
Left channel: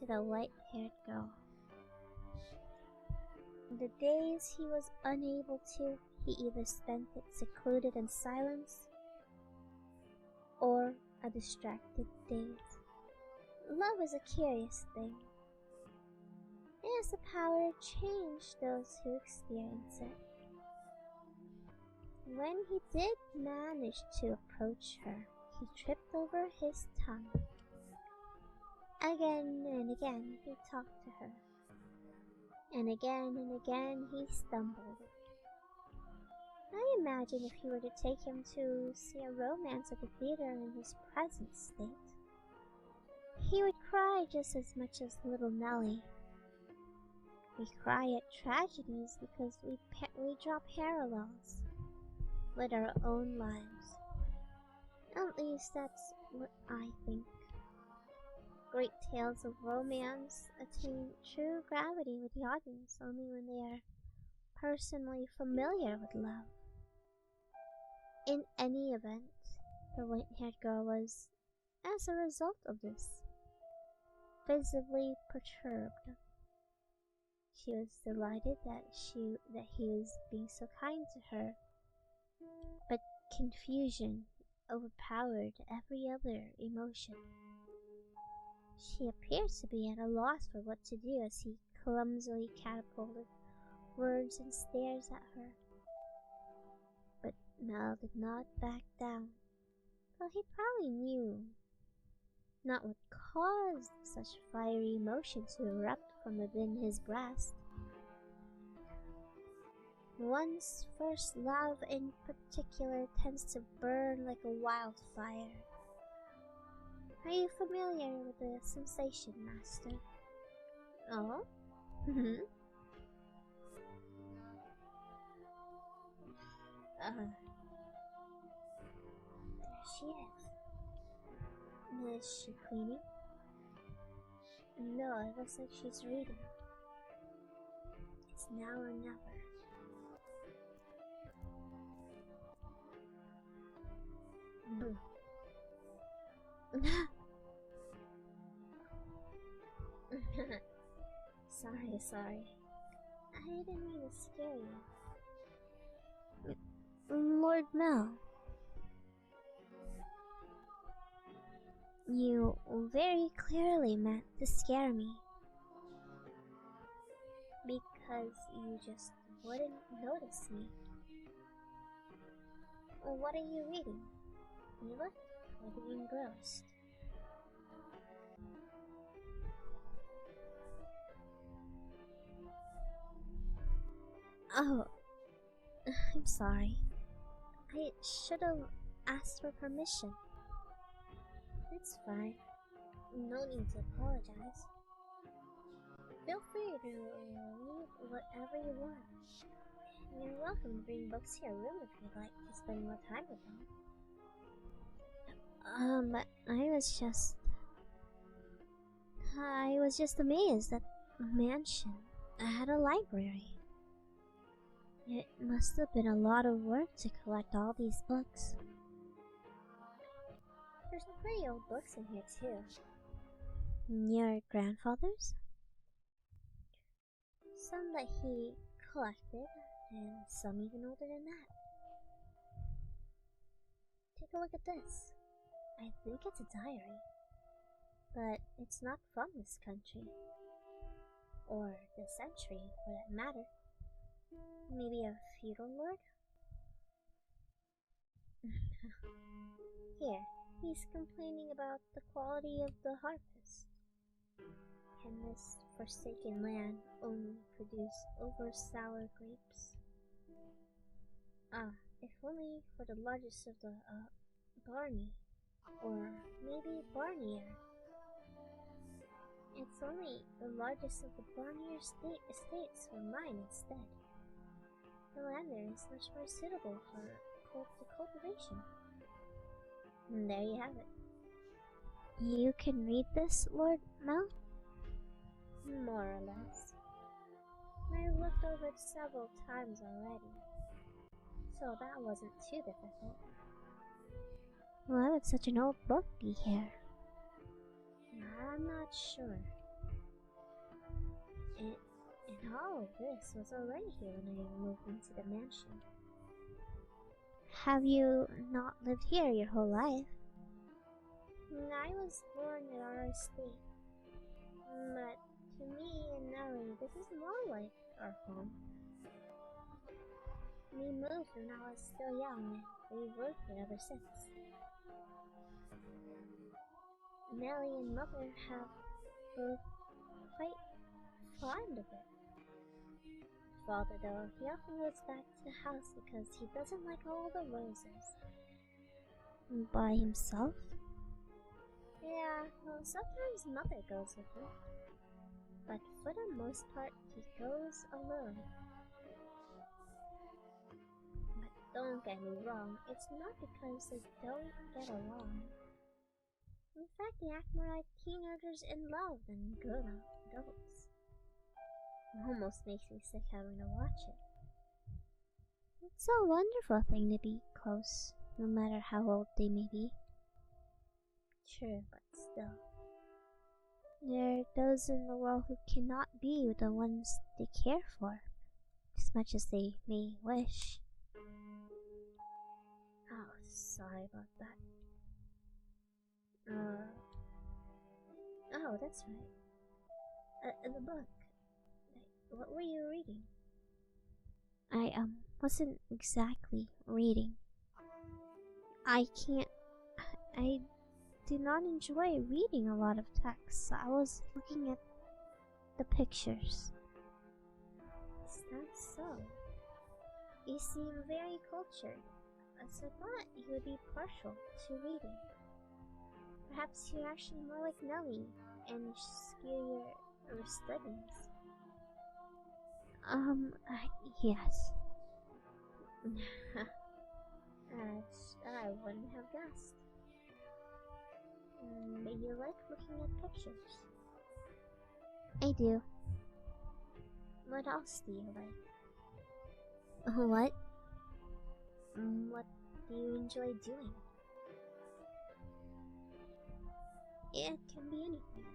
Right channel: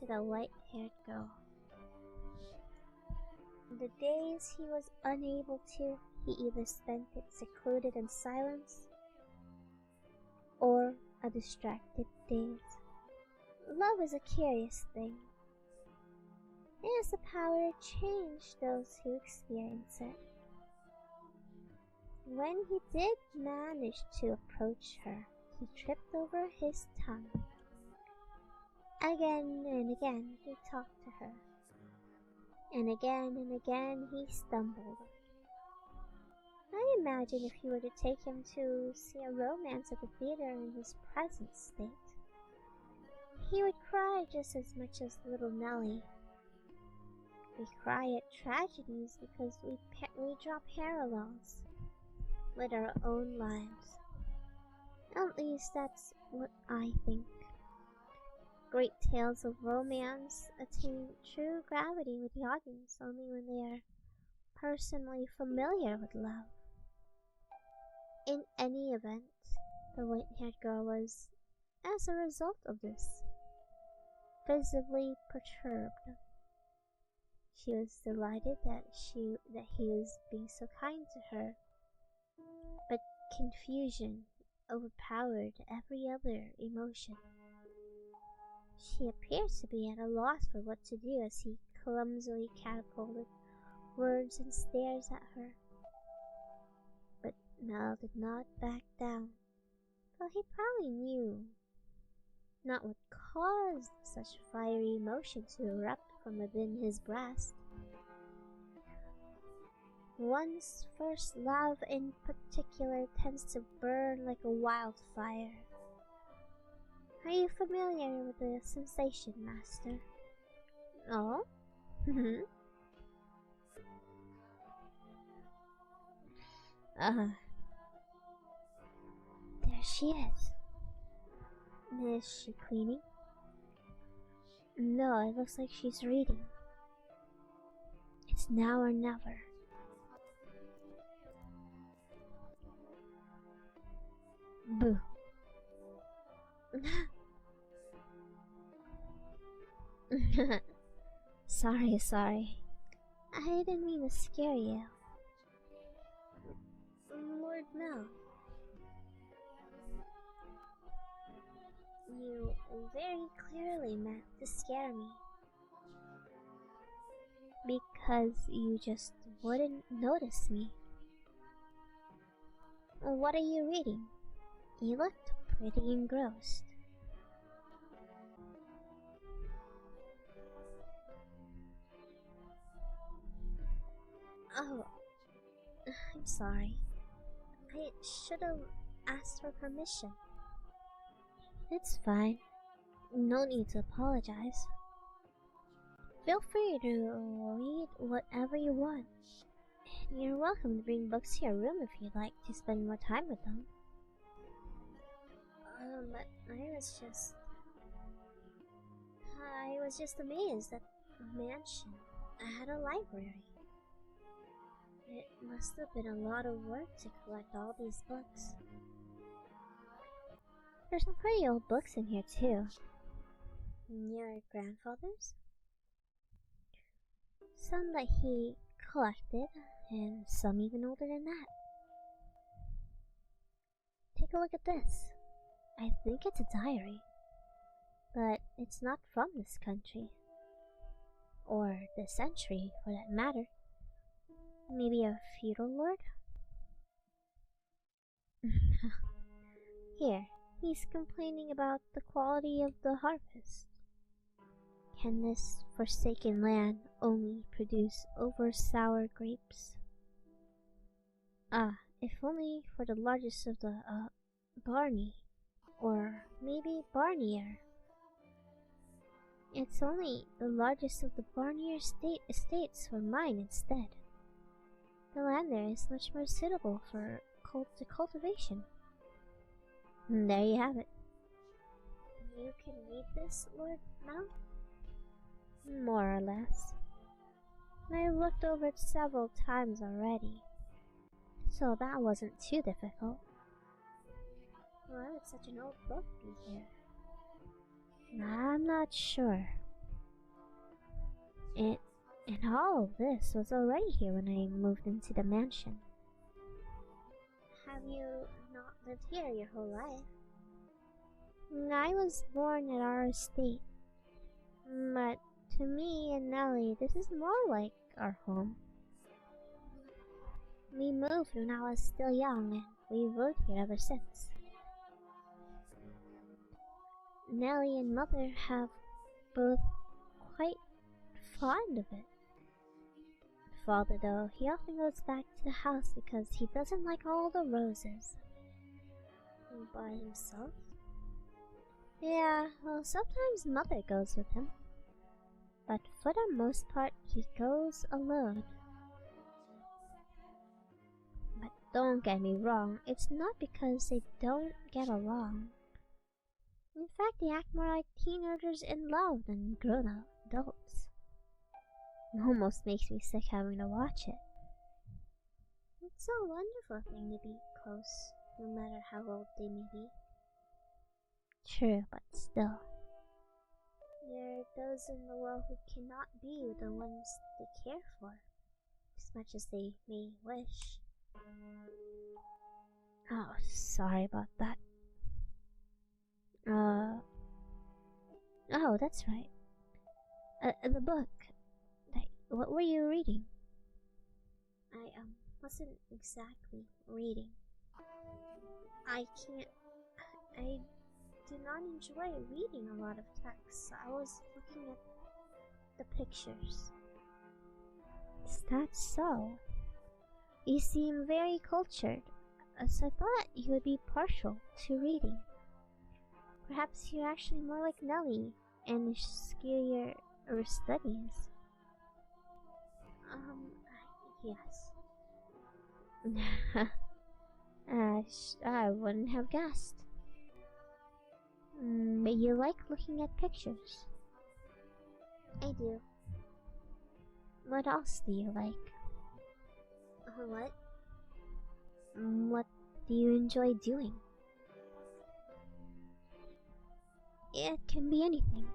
to the white-haired girl. The days he was unable to, he either spent it secluded in silence or a distracted daze. Love is a curious thing. It has the power to change those who experience it. When he did manage to approach her, he tripped over his tongue. Again and again he talked to her, and again he stumbled. I imagine if you were to take him to see a romance at the theater in his present state, he would cry just as much as little Nellie. We cry at tragedies because we draw parallels with our own lives. At least that's what I think. Great tales of romance attain true gravity with the audience only when they are personally familiar with love. In any event, the white-haired girl was, as a result of this, visibly perturbed. She was delighted that he was being so kind to her, but confusion overpowered every other emotion. She appeared to be at a loss for what to do as he clumsily catapulted words and stares at her. But Mel did not back down, though he probably knew not what caused such fiery emotion to erupt from within his breast. One's first love in particular tends to burn like a wildfire. Are you familiar with the sensation, Master? Oh? There she is. Is she cleaning? No, it looks like she's reading. It's now or never. Boo. Sorry. I didn't mean to scare you. Lord Mel. You very clearly meant to scare me. Because you just wouldn't notice me. What are you reading? You looked pretty engrossed. Oh, I'm sorry. I should have asked for permission. It's fine. No need to apologize. Feel free to read whatever you want. You're welcome to bring books to your room if you'd like to spend more time with them. But I was just amazed that mansion had a library. It must have been a lot of work to collect all these books. There's some pretty old books in here too. Your grandfather's? Some that he collected, and some even older than that. Take a look at this. I think it's a diary. But it's not from this country. Or this century, for that matter. Maybe a feudal lord? Here, he's complaining about the quality of the harvest. Can this forsaken land only produce over-sour grapes? If only for the largest of the, Barney. Or maybe Barnier. It's only the largest of the Barnier estates were mine instead. The land there is much more suitable for cultivation. And there you have it. You can read this, Lord Mel? More or less. I've looked over it several times already, so that wasn't too difficult. Why would such an old book be here? I'm not sure. And all of this was already here when I moved into the mansion. Have you not lived here your whole life? I was born at our estate, but to me and Nellie, this is more like our home. We moved when I was still young, and we've lived here ever since. Nellie and Mother have both quite fond of it. Father, though, he often goes back to the house because he doesn't like all the roses. By himself? Yeah, well, sometimes Mother goes with him. But for the most part, he goes alone. But don't get me wrong, it's not because they don't get along. In fact, they act more like teenagers in love than grown-up adults. It almost makes me sick having to watch it. It's a wonderful thing to be close, no matter how old they may be. True, but still. There are those in the world who cannot be with the ones they care for, as much as they may wish. Oh, sorry about that. Oh, that's right. The book. What were you reading? I, wasn't exactly reading. I do not enjoy reading a lot of text. I was looking at the pictures. Is that so? You seem very cultured, so I thought you would be partial to reading. Perhaps you're actually more like Nellie and skew your studies. Yes. I wouldn't have guessed. But you like looking at pictures. I do. What else do you like? What? What do you enjoy doing? It can be anything.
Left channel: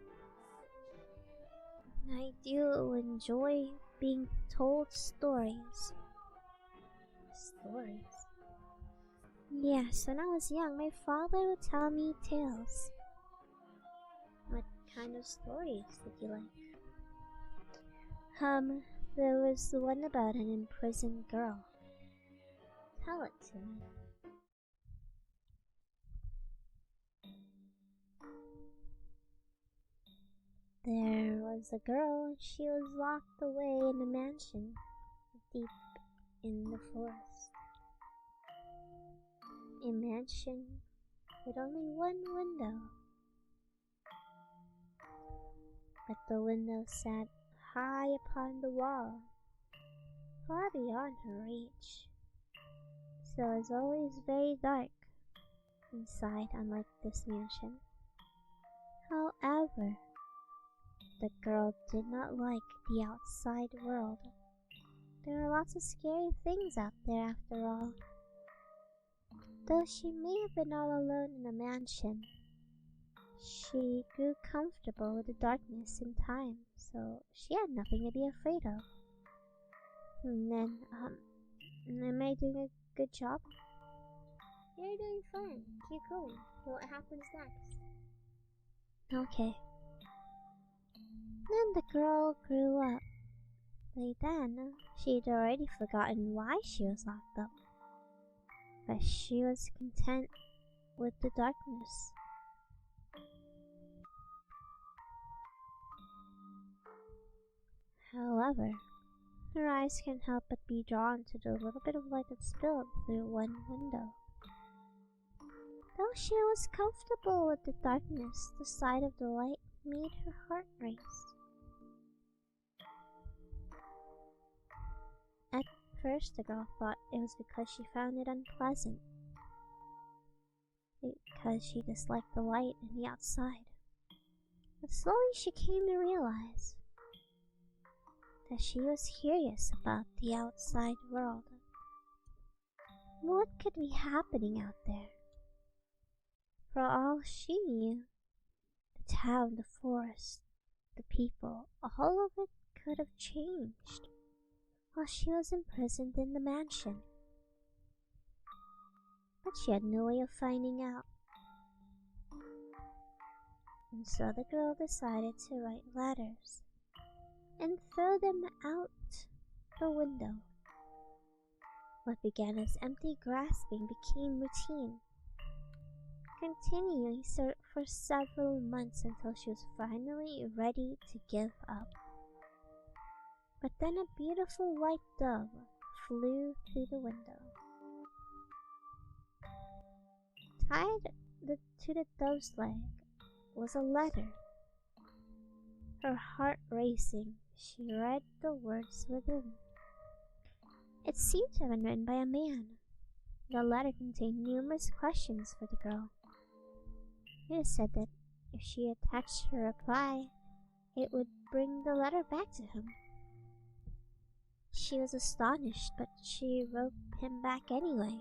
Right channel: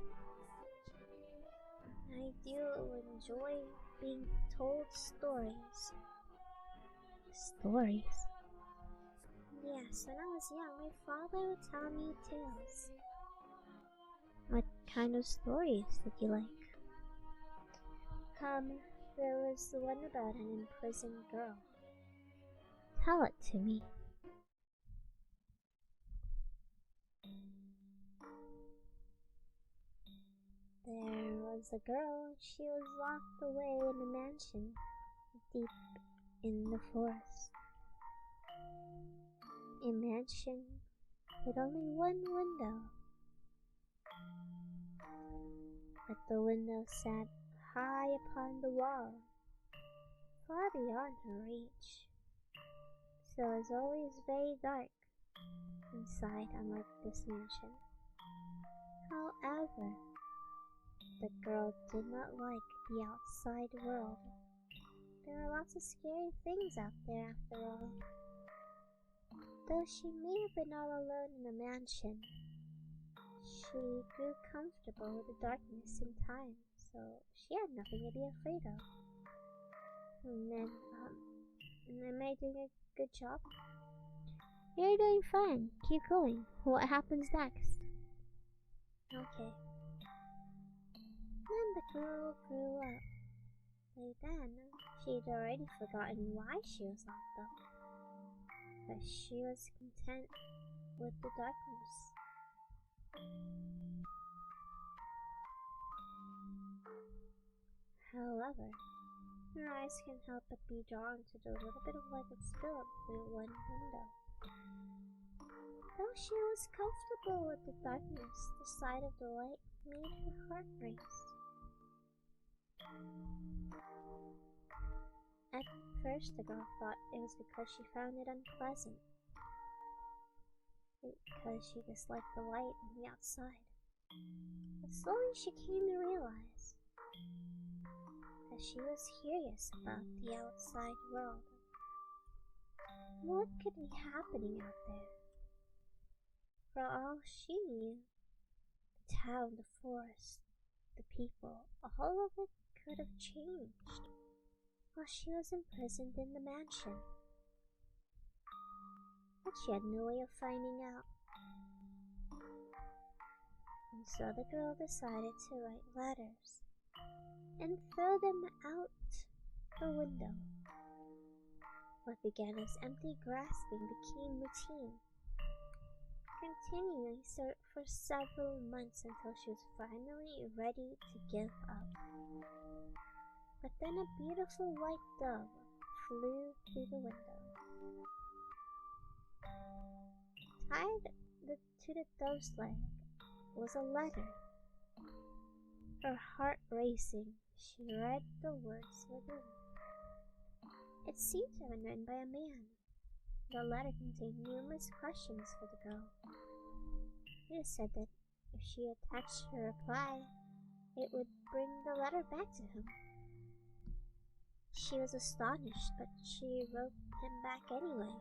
I do enjoy being told stories. Stories? Yes, when I was young, my father would tell me tales. What kind of stories did you like? There was the one about an imprisoned girl. Tell it to me. There was a girl, and she was locked away in a mansion deep in the forest. A mansion with only one window. But the window sat high upon the wall, far beyond her reach. So it was always very dark inside, unlike this mansion. However, the girl did not like the outside world. There are lots of scary things out there after all. Though she may have been all alone in a mansion, she grew comfortable with the darkness in time, so she had nothing to be afraid of. And then, am I doing a good job? You're doing fine. Keep going. What happens next? Okay. Then the girl grew up. By then, she'd already forgotten why she was locked up. But she was content with the darkness. However, her eyes can't help but be drawn to the little bit of light that spilled through one window. Though she was comfortable with the darkness, the sight of the light made her heart race. At first, the girl thought it was because she found it unpleasant, because she disliked the light and the outside. But slowly she came to realize that she was curious about the outside world. What could be happening out there? For all she knew, the town, the forest, the people, all of it could have changed while she was imprisoned in the mansion. But she had no way of finding out. And so the girl decided to write letters and throw them out the window. What began as empty grasping became routine, continuing for several months until she was finally ready to give up. But then a beautiful white dove flew through the window. Tied to the dove's leg was a letter. Her heart racing, she read the words within. It seemed to have been written by a man. The letter contained numerous questions for the girl. It said that if she attached her reply, it would bring the letter back to him. She was astonished, but she wrote him back anyway,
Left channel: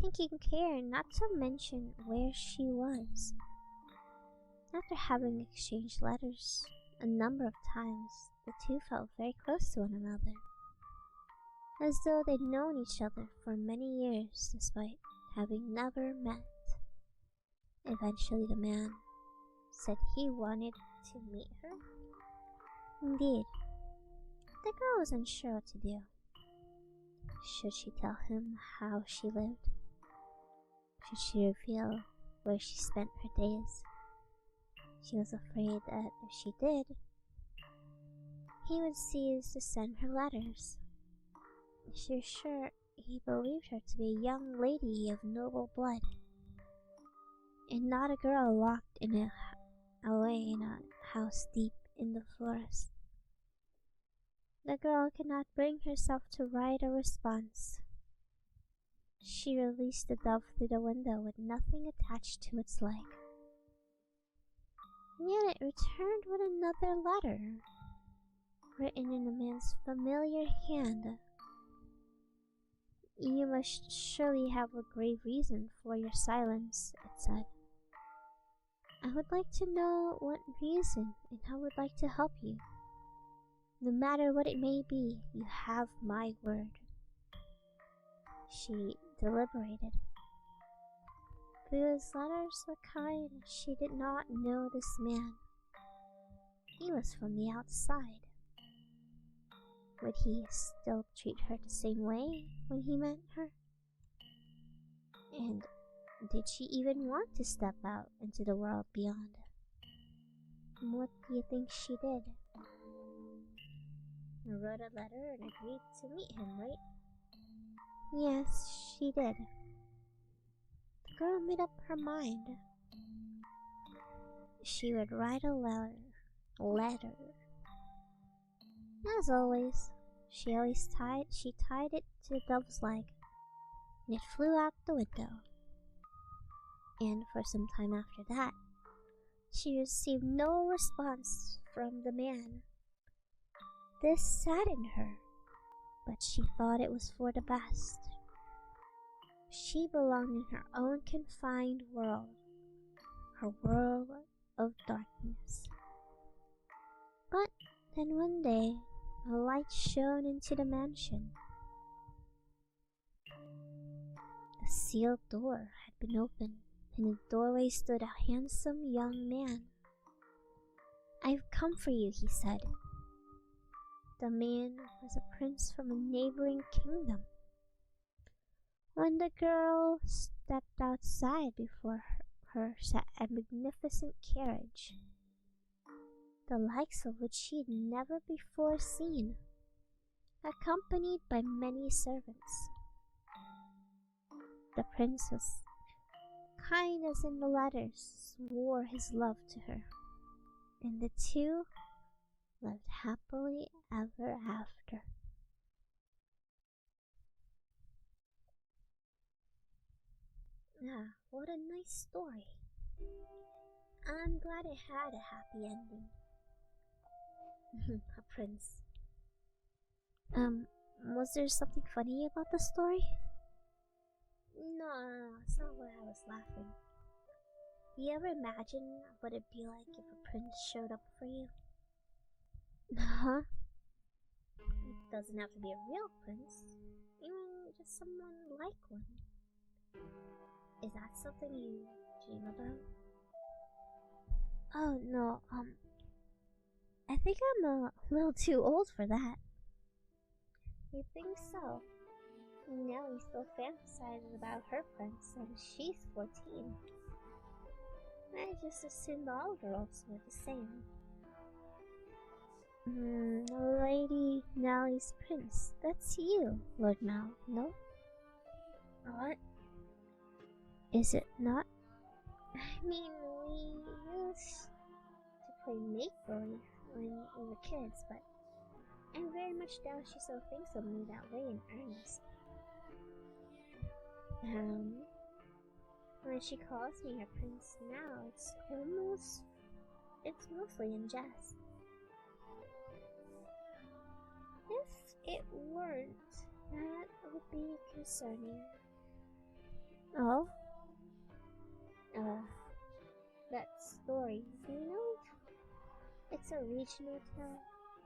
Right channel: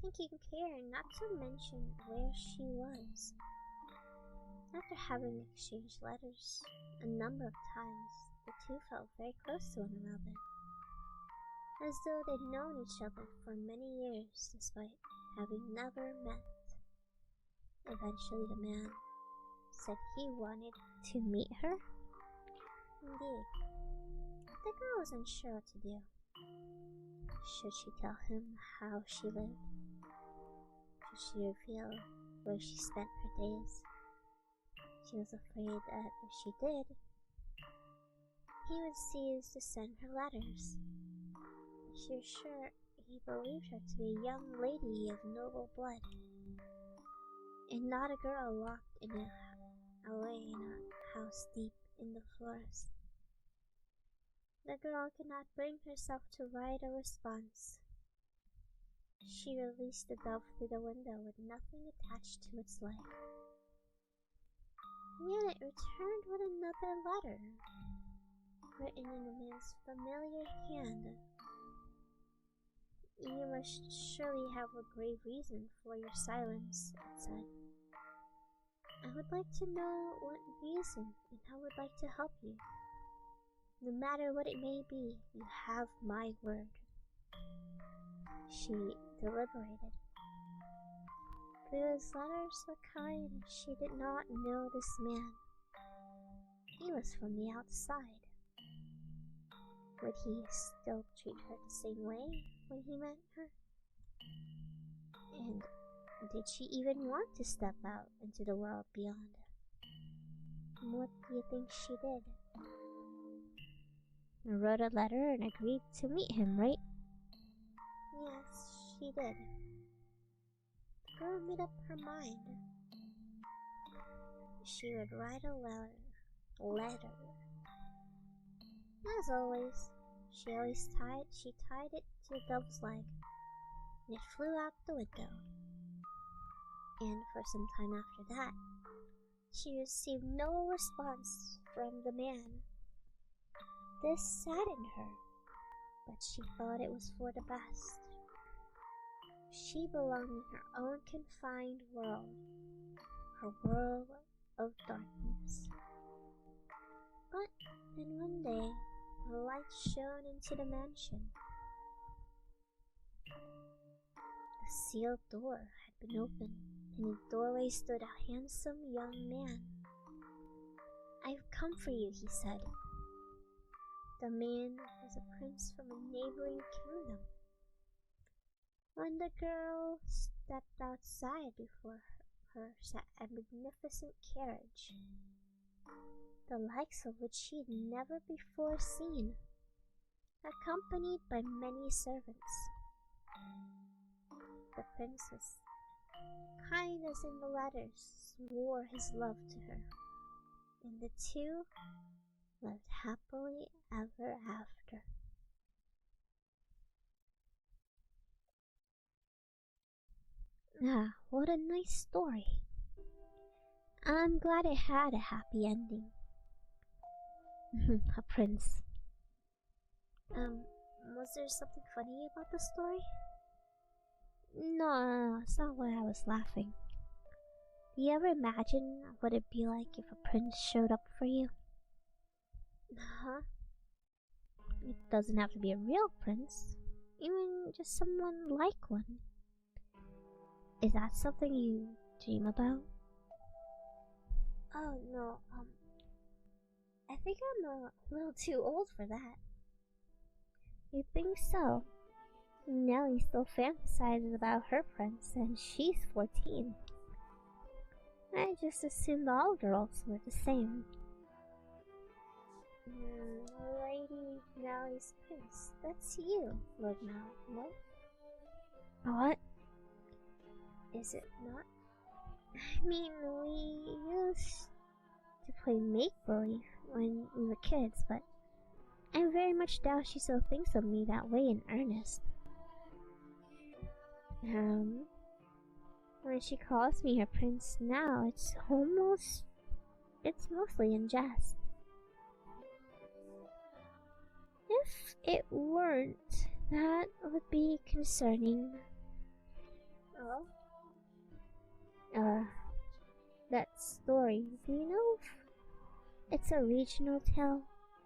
taking care not to mention where she was. After having exchanged letters a number of times, the two felt very close to one another, as though they'd known each other for many years despite having never met. Eventually the man said he wanted to meet her. Indeed, the girl was unsure what to do. Should she tell him how she lived? Should she reveal where she spent her days? She was afraid that if she did, he would cease to send her letters. She was sure he believed her to be a young lady of noble blood, and not a girl locked away in a house deep in the forest. The girl could not bring herself to write a response. She released the dove through the window with nothing attached to its leg. Yet it returned with another letter, written in a man's familiar hand. "You must surely have a grave reason for your silence," it said. "I would like to know what reason, and I would like to help you. No matter what it may be, you have my word." She deliberated. Though his letters were kind, she did not know this man. He was from the outside. Would he still treat her the same way when he met her? And did she even want to step out into the world beyond? What do you think she did? I wrote a letter and agreed to meet him, right? Yes, she did. The girl made up her mind. She would write a letter. As always, she tied it to the dove's leg, and it flew out the window. And for some time after that, she received no response from the man. This saddened her, but she thought it was for the best. She belonged in her own confined world, her world of darkness. But then one day, a light shone into the mansion. A sealed door had been opened. In the doorway stood a handsome young man. "I've come for you," he said. The man was a prince from a neighboring kingdom. When the girl stepped outside, before her sat a magnificent carriage, the likes of which she had never before seen, accompanied by many servants. The prince was kind as in the letters, swore his love to her, and the two lived happily ever after. Ah, what a nice story. I'm glad it had a happy ending. A prince. Was there something funny about the story? No, it's not why I was laughing. Do you ever imagine what it'd be like if a prince showed up for you? Huh? It doesn't have to be a real prince. Even just someone like one. Is that something you dream about? Oh no, I think I'm a little too old for that. You think so? Nellie still fantasizes about her prince, and she's 14. I just assumed all girls were the same. Lady Nellie's prince. That's you, Lord Mal, no? What? Is it not? I mean, we used to play make-believe when we were kids, but I very much doubt she still thinks of me that way in earnest. When she calls me her prince now, it's mostly in jest. If it weren't, that would be concerning. Oh? That story, do you know if it's a regional tale?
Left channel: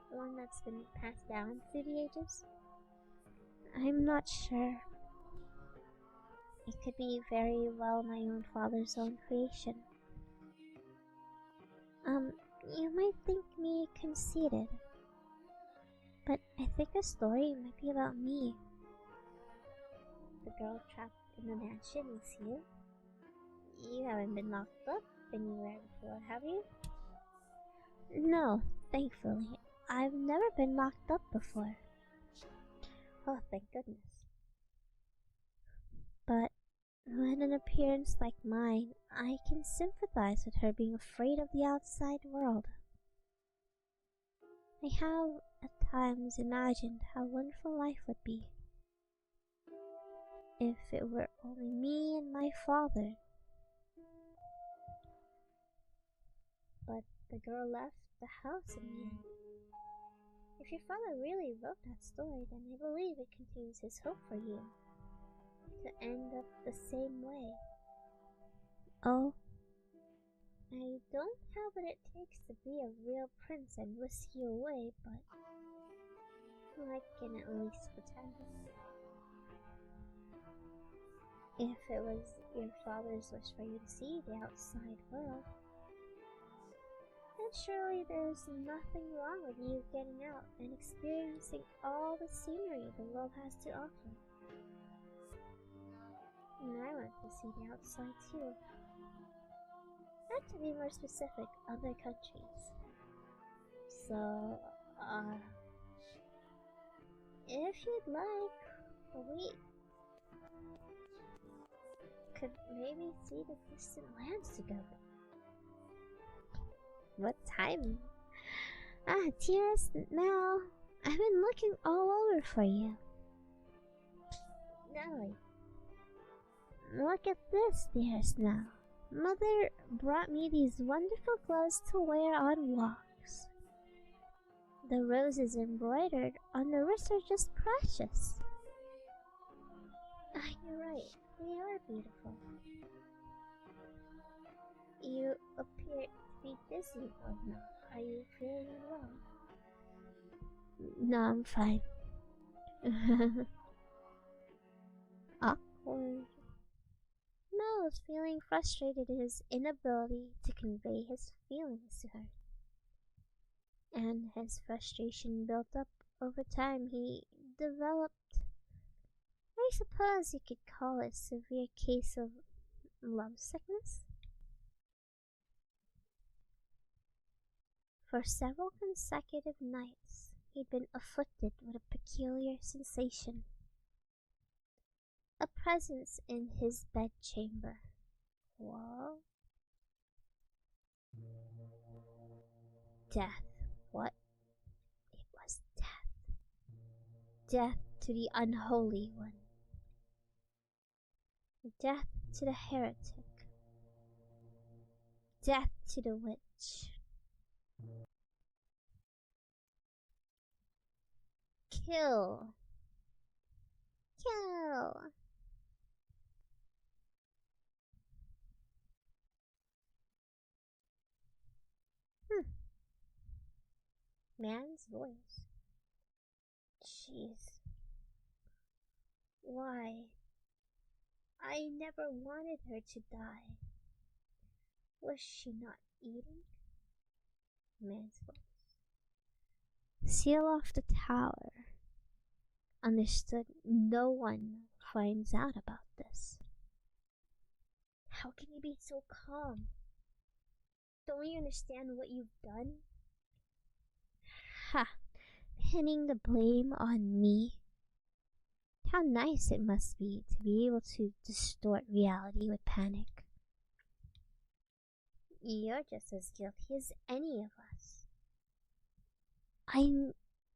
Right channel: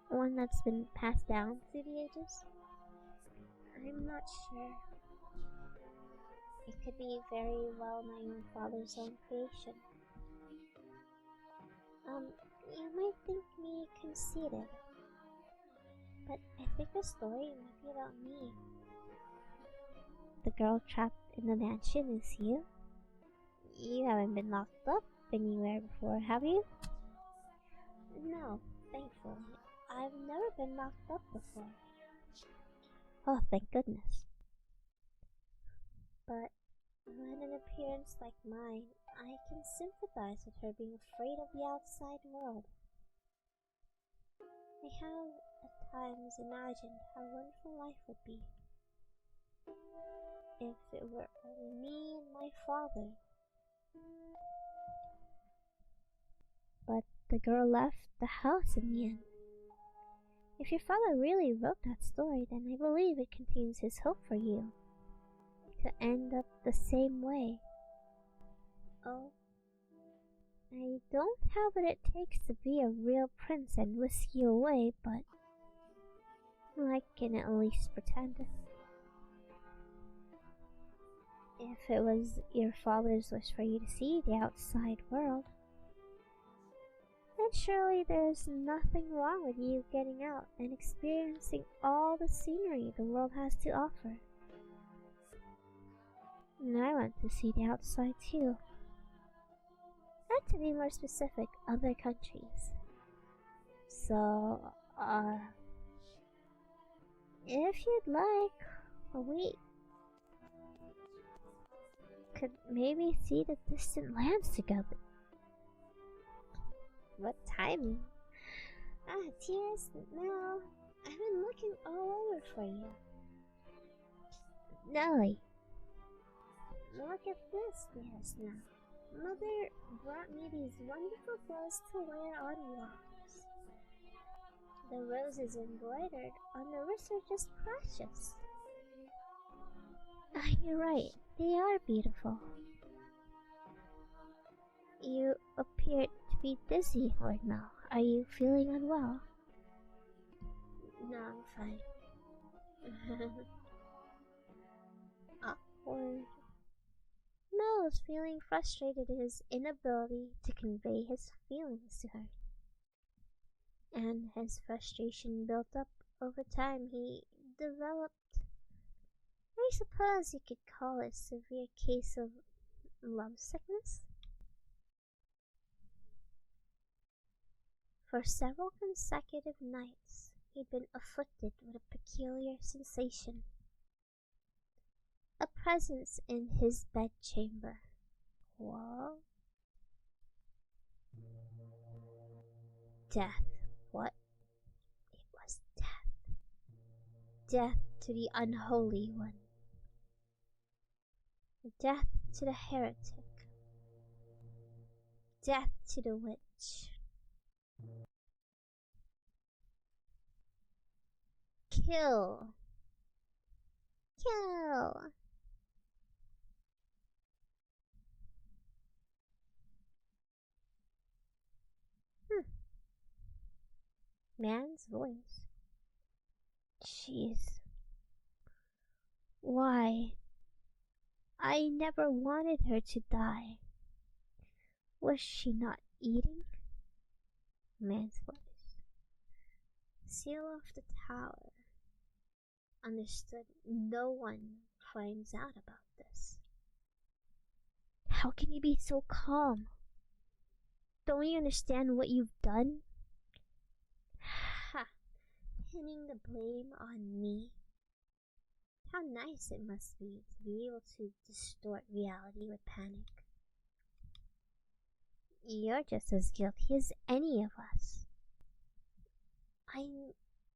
One that's been passed down through the ages? I'm not sure. It could be very well my own father's own creation. You might think me conceited, but I think the story might be about me. The girl trapped in the mansion is you. You haven't been locked up anywhere before, have you? No, thankfully. I've never been mocked up before. Oh, thank goodness. But with an appearance like mine, I can sympathize with her being afraid of the outside world. I have at times imagined how wonderful life would be if it were only me and my father. But the girl left the house in the end. If your father really wrote that story, then I believe it contains his hope for you to end up the same way. Oh, I don't have what it takes to be a real prince and whisk you away, but I can at least pretend. If it was your father's wish for you to see the outside world, then surely there's nothing wrong with you getting out and experiencing all the scenery the world has to offer. And I want to see the outside too. And to be more specific, other countries. So, if you'd like, we could maybe see the distant lands together. What timing? Dearest Mel, I've been looking all over for you. Nelly, look at this, dearest Mel. Mother brought me these wonderful clothes to wear on walks. The roses embroidered on the wrists are just precious. You're right, they are beautiful. You appear to be dizzy right now. Are you feeling unwell? No, I'm fine. Awkward. Mel is feeling frustrated at his inability to convey his feelings to her. And his frustration built up over time. He developed, I suppose you could call it, a severe case of lovesickness. For several consecutive nights, he'd been afflicted with a peculiar sensation. A presence in his bedchamber. What? Death. What? It was death. Death to the unholy one. Death to the heretic. Death to the witch. Kill. Kill. Man's voice. Jeez. Why? I never wanted her to die. Was she not eating? Man's voice. Seal off the tower. Understood, no one finds out about this. How can you be so calm? Don't you understand what you've done? Ha! Pinning the blame on me. How nice it must be to be able to distort reality with panic. You're just as guilty as any of us. I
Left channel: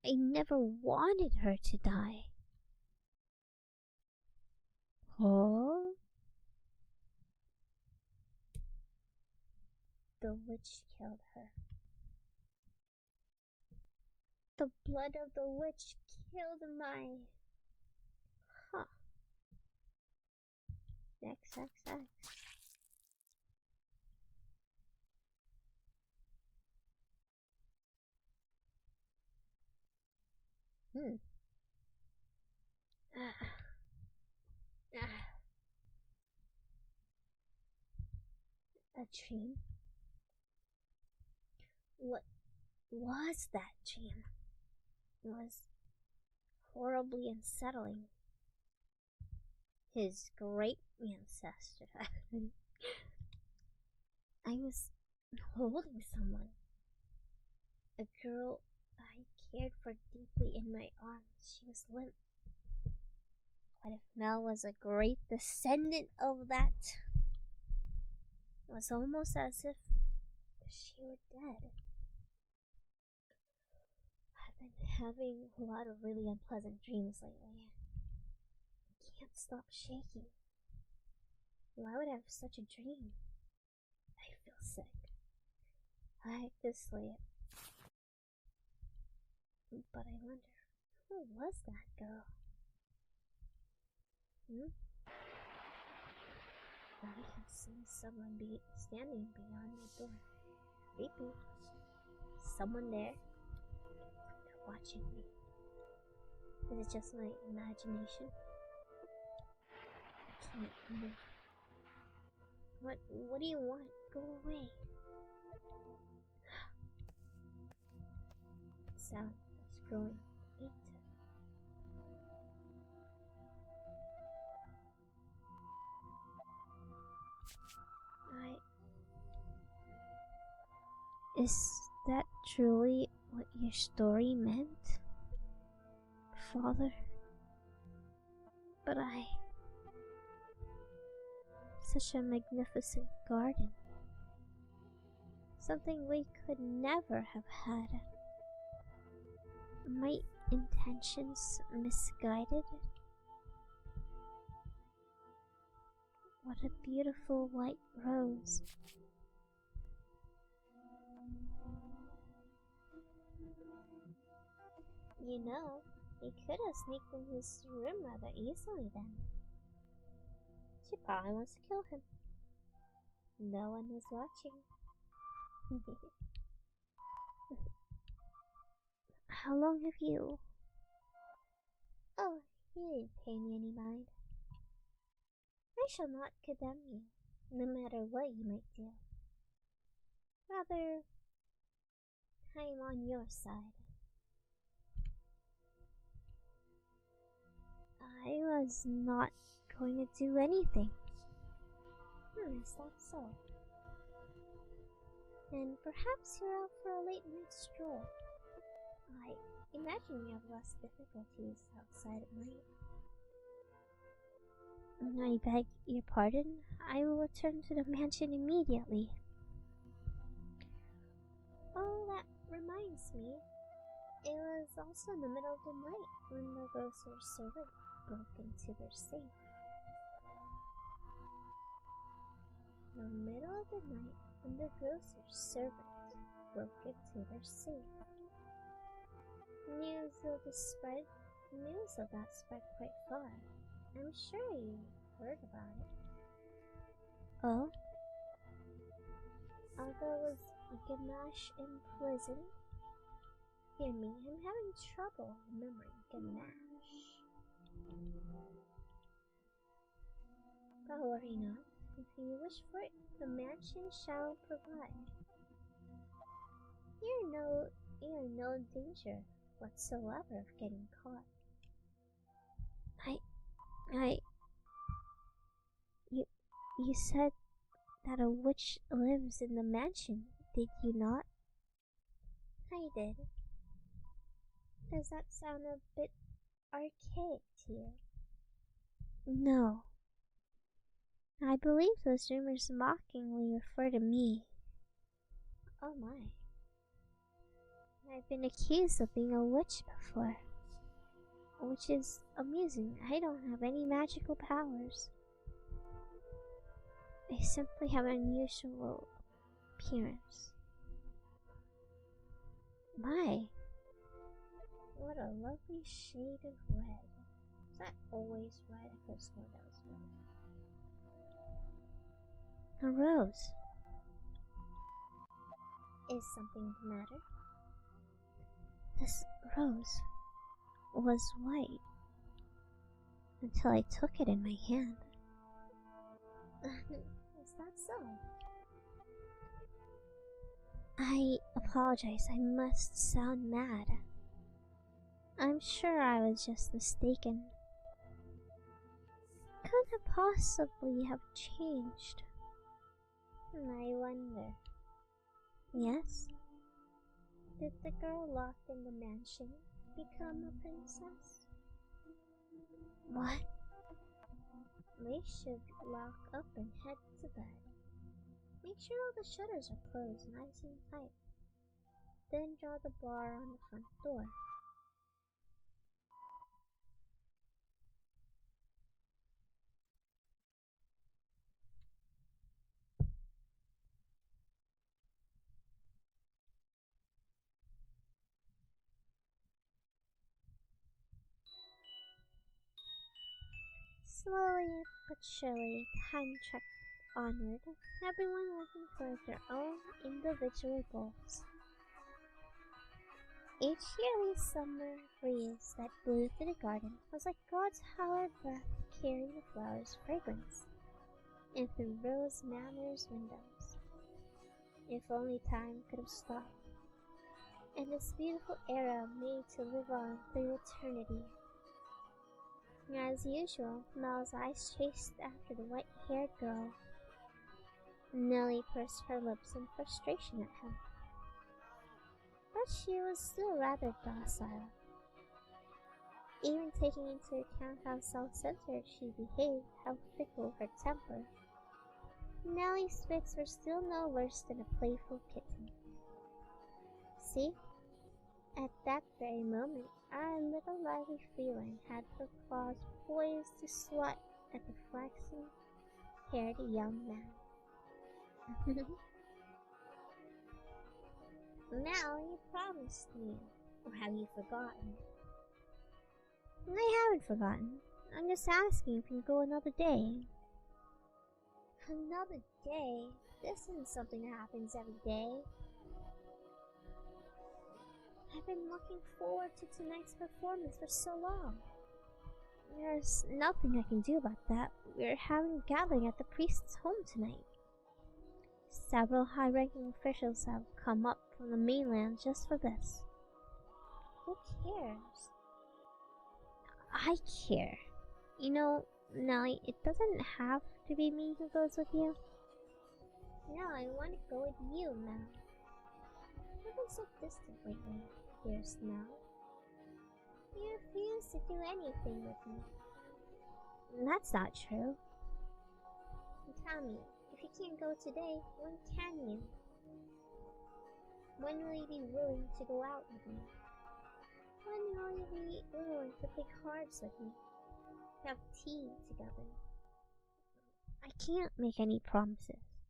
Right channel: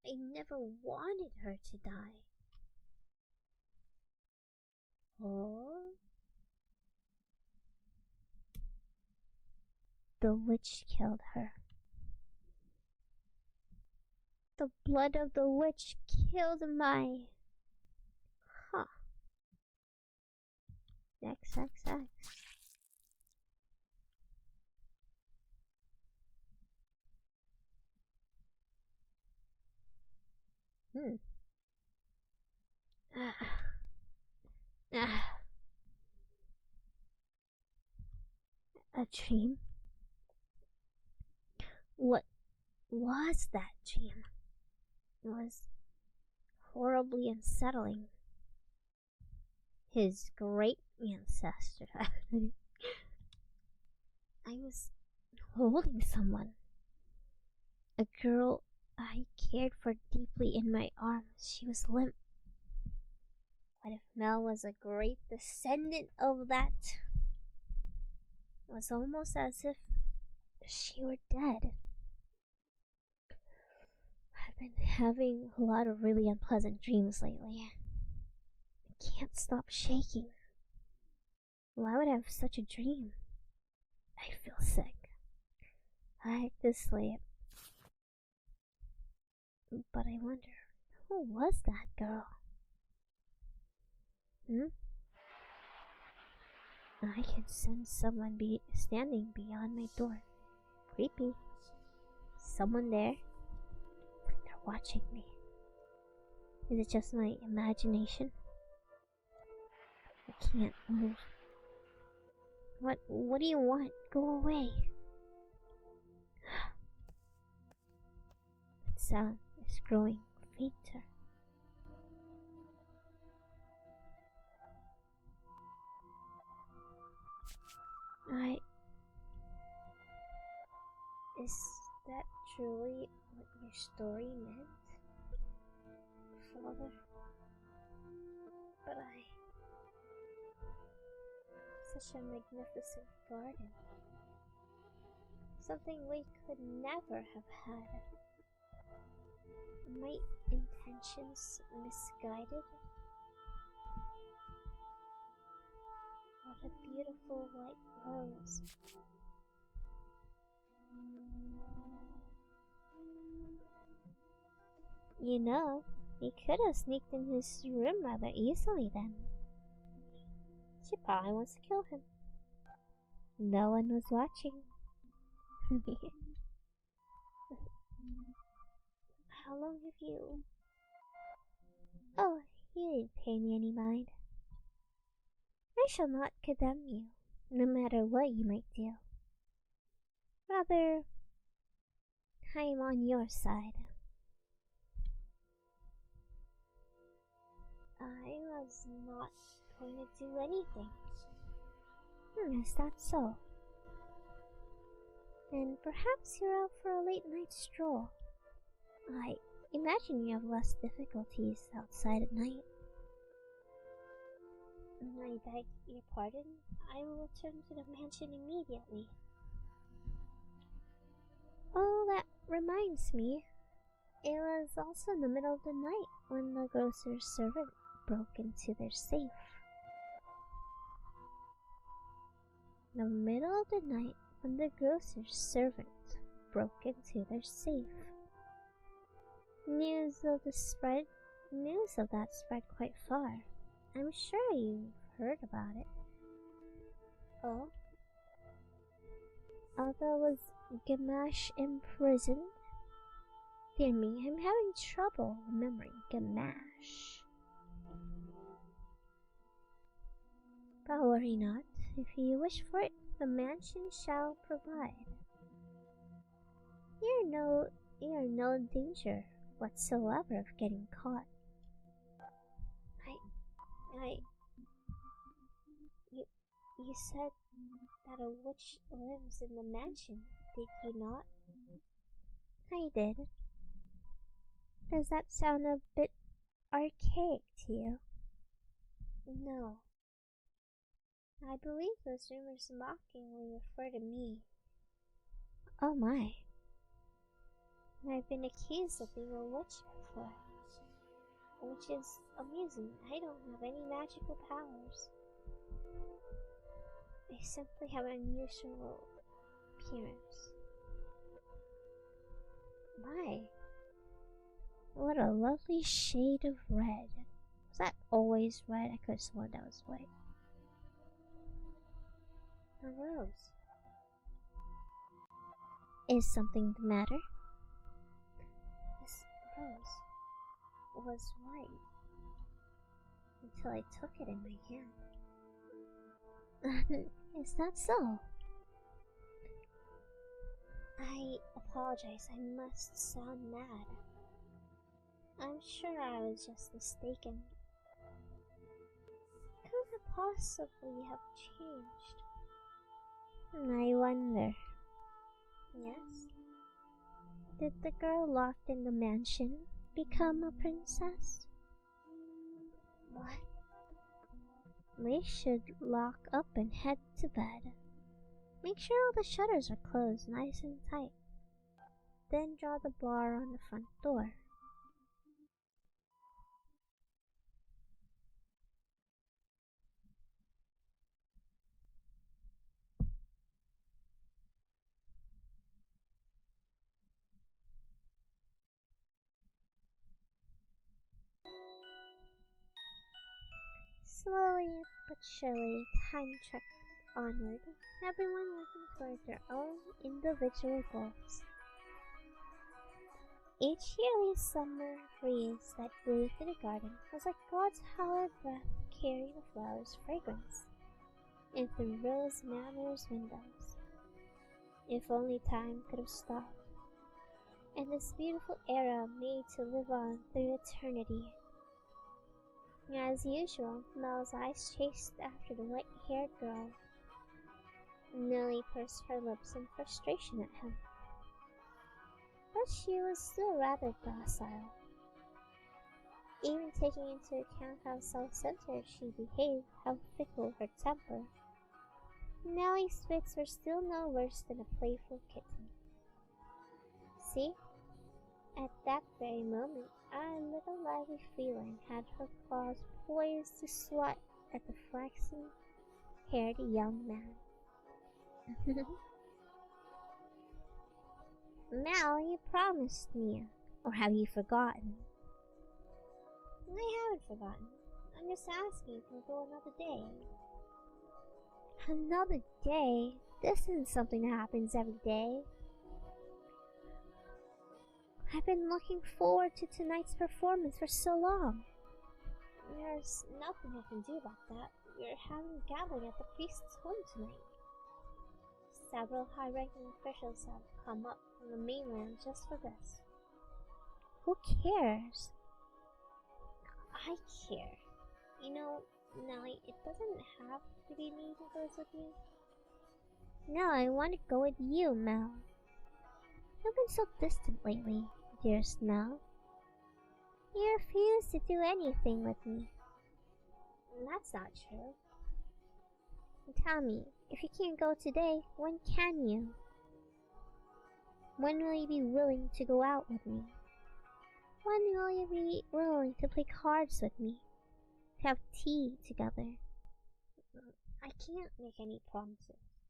never wanted her to die. Oh? The witch killed her. The blood of the witch killed my... Huh. XXX. A dream? What was that dream? It was horribly unsettling. His great ancestor. I was holding someone. A girl I cared for deeply in my arms. She was limp. What if Mel was a great descendant of that? It was almost as if she were dead. I've been having a lot of really unpleasant dreams lately. I can't stop shaking. Why would I have such a dream? I feel sick. I hate to sleep. But I wonder, who was that girl? I can sense someone standing beyond my door. Creepy. Someone there. They're watching me. Is it just my imagination? I can't move. What do you want? Go away. The sound is growing fainter. Is that truly what your story meant? Father? But such a magnificent garden. Something we could never have had. My intentions misguided? What a beautiful white rose. You know, he could have sneaked in his room rather easily then. She probably wants to kill him. No one was watching. How long have you... Oh, you didn't pay me any mind. I shall not condemn you, no matter what you might do. Rather, I am on your side. I was not going to do anything. Is that so? And perhaps you're out for a late night stroll. I imagine you have less difficulties outside at night. I beg your pardon. I will return to the mansion immediately. Oh, that reminds me. It was also in the middle of the night when the grocer's servant broke into their safe. In the middle of the night when the grocer's servant broke into their safe. News of that spread quite far. I'm sure you've heard about it. Oh? Although was Gamache imprisoned? Dear me, I'm having trouble remembering Gamache. But worry not. If you wish for it, the mansion shall provide. You're in no danger whatsoever of getting caught. You said that a witch lives in the mansion, did you not? I did. Does that sound a bit archaic to you? No. I believe those rumors mockingly refer to me. Oh my. I've been accused of being a witch before. Which is amusing. I don't have any magical powers. I simply have an unusual appearance. My, what a lovely shade of red. Was that always red? I could have sworn that was white. A rose. Is something the matter? This rose was white until I took it in my hand. Is that so? I apologize, I must sound mad. I'm sure I was just mistaken. Could it possibly have changed? I wonder. Yes? Did the girl locked in the mansion become a princess? What? We should lock up and head to bed. Make sure all the shutters are closed nice and tight. Then draw the bar on the front door. Slowly but surely, time trekked onward, everyone working towards their own individual goals. Each yearly summer breeze that blew through the garden was like God's hallowed breath carrying the flowers' fragrance in through Rose Manor's windows. If only time could have stopped, and this beautiful era made to live on through eternity. As usual, Mel's eyes chased after the white-haired girl. Nellie pursed her lips in frustration at him, but she was still rather docile. Even taking into account how self-centered she behaved, how fickle her temper, Nellie's fits were still no worse than a playful kitten. See? At that very moment, our little lively feline had her claws poised to swat at the flaxen-haired young man. Mel, you promised me. Or have you forgotten? I haven't forgotten. I'm just asking if you can go another day. Another day? This isn't something that happens every day. I've been looking forward to tonight's performance for so long. There's nothing I can do about that. We're having a gathering at the priest's home tonight. Several high-ranking officials have come up from the mainland just for this. Who cares? I care. You know, Nellie, it doesn't have to be me who goes with you. No, I want to go with you, Mel. You've been so distant lately, dearest Mel. You refuse to do anything with me. That's not true. Tell me, if you can't go today, when can you? When will you be willing to go out with me? When will you be willing to play cards with me? To have tea together? I can't make any promises.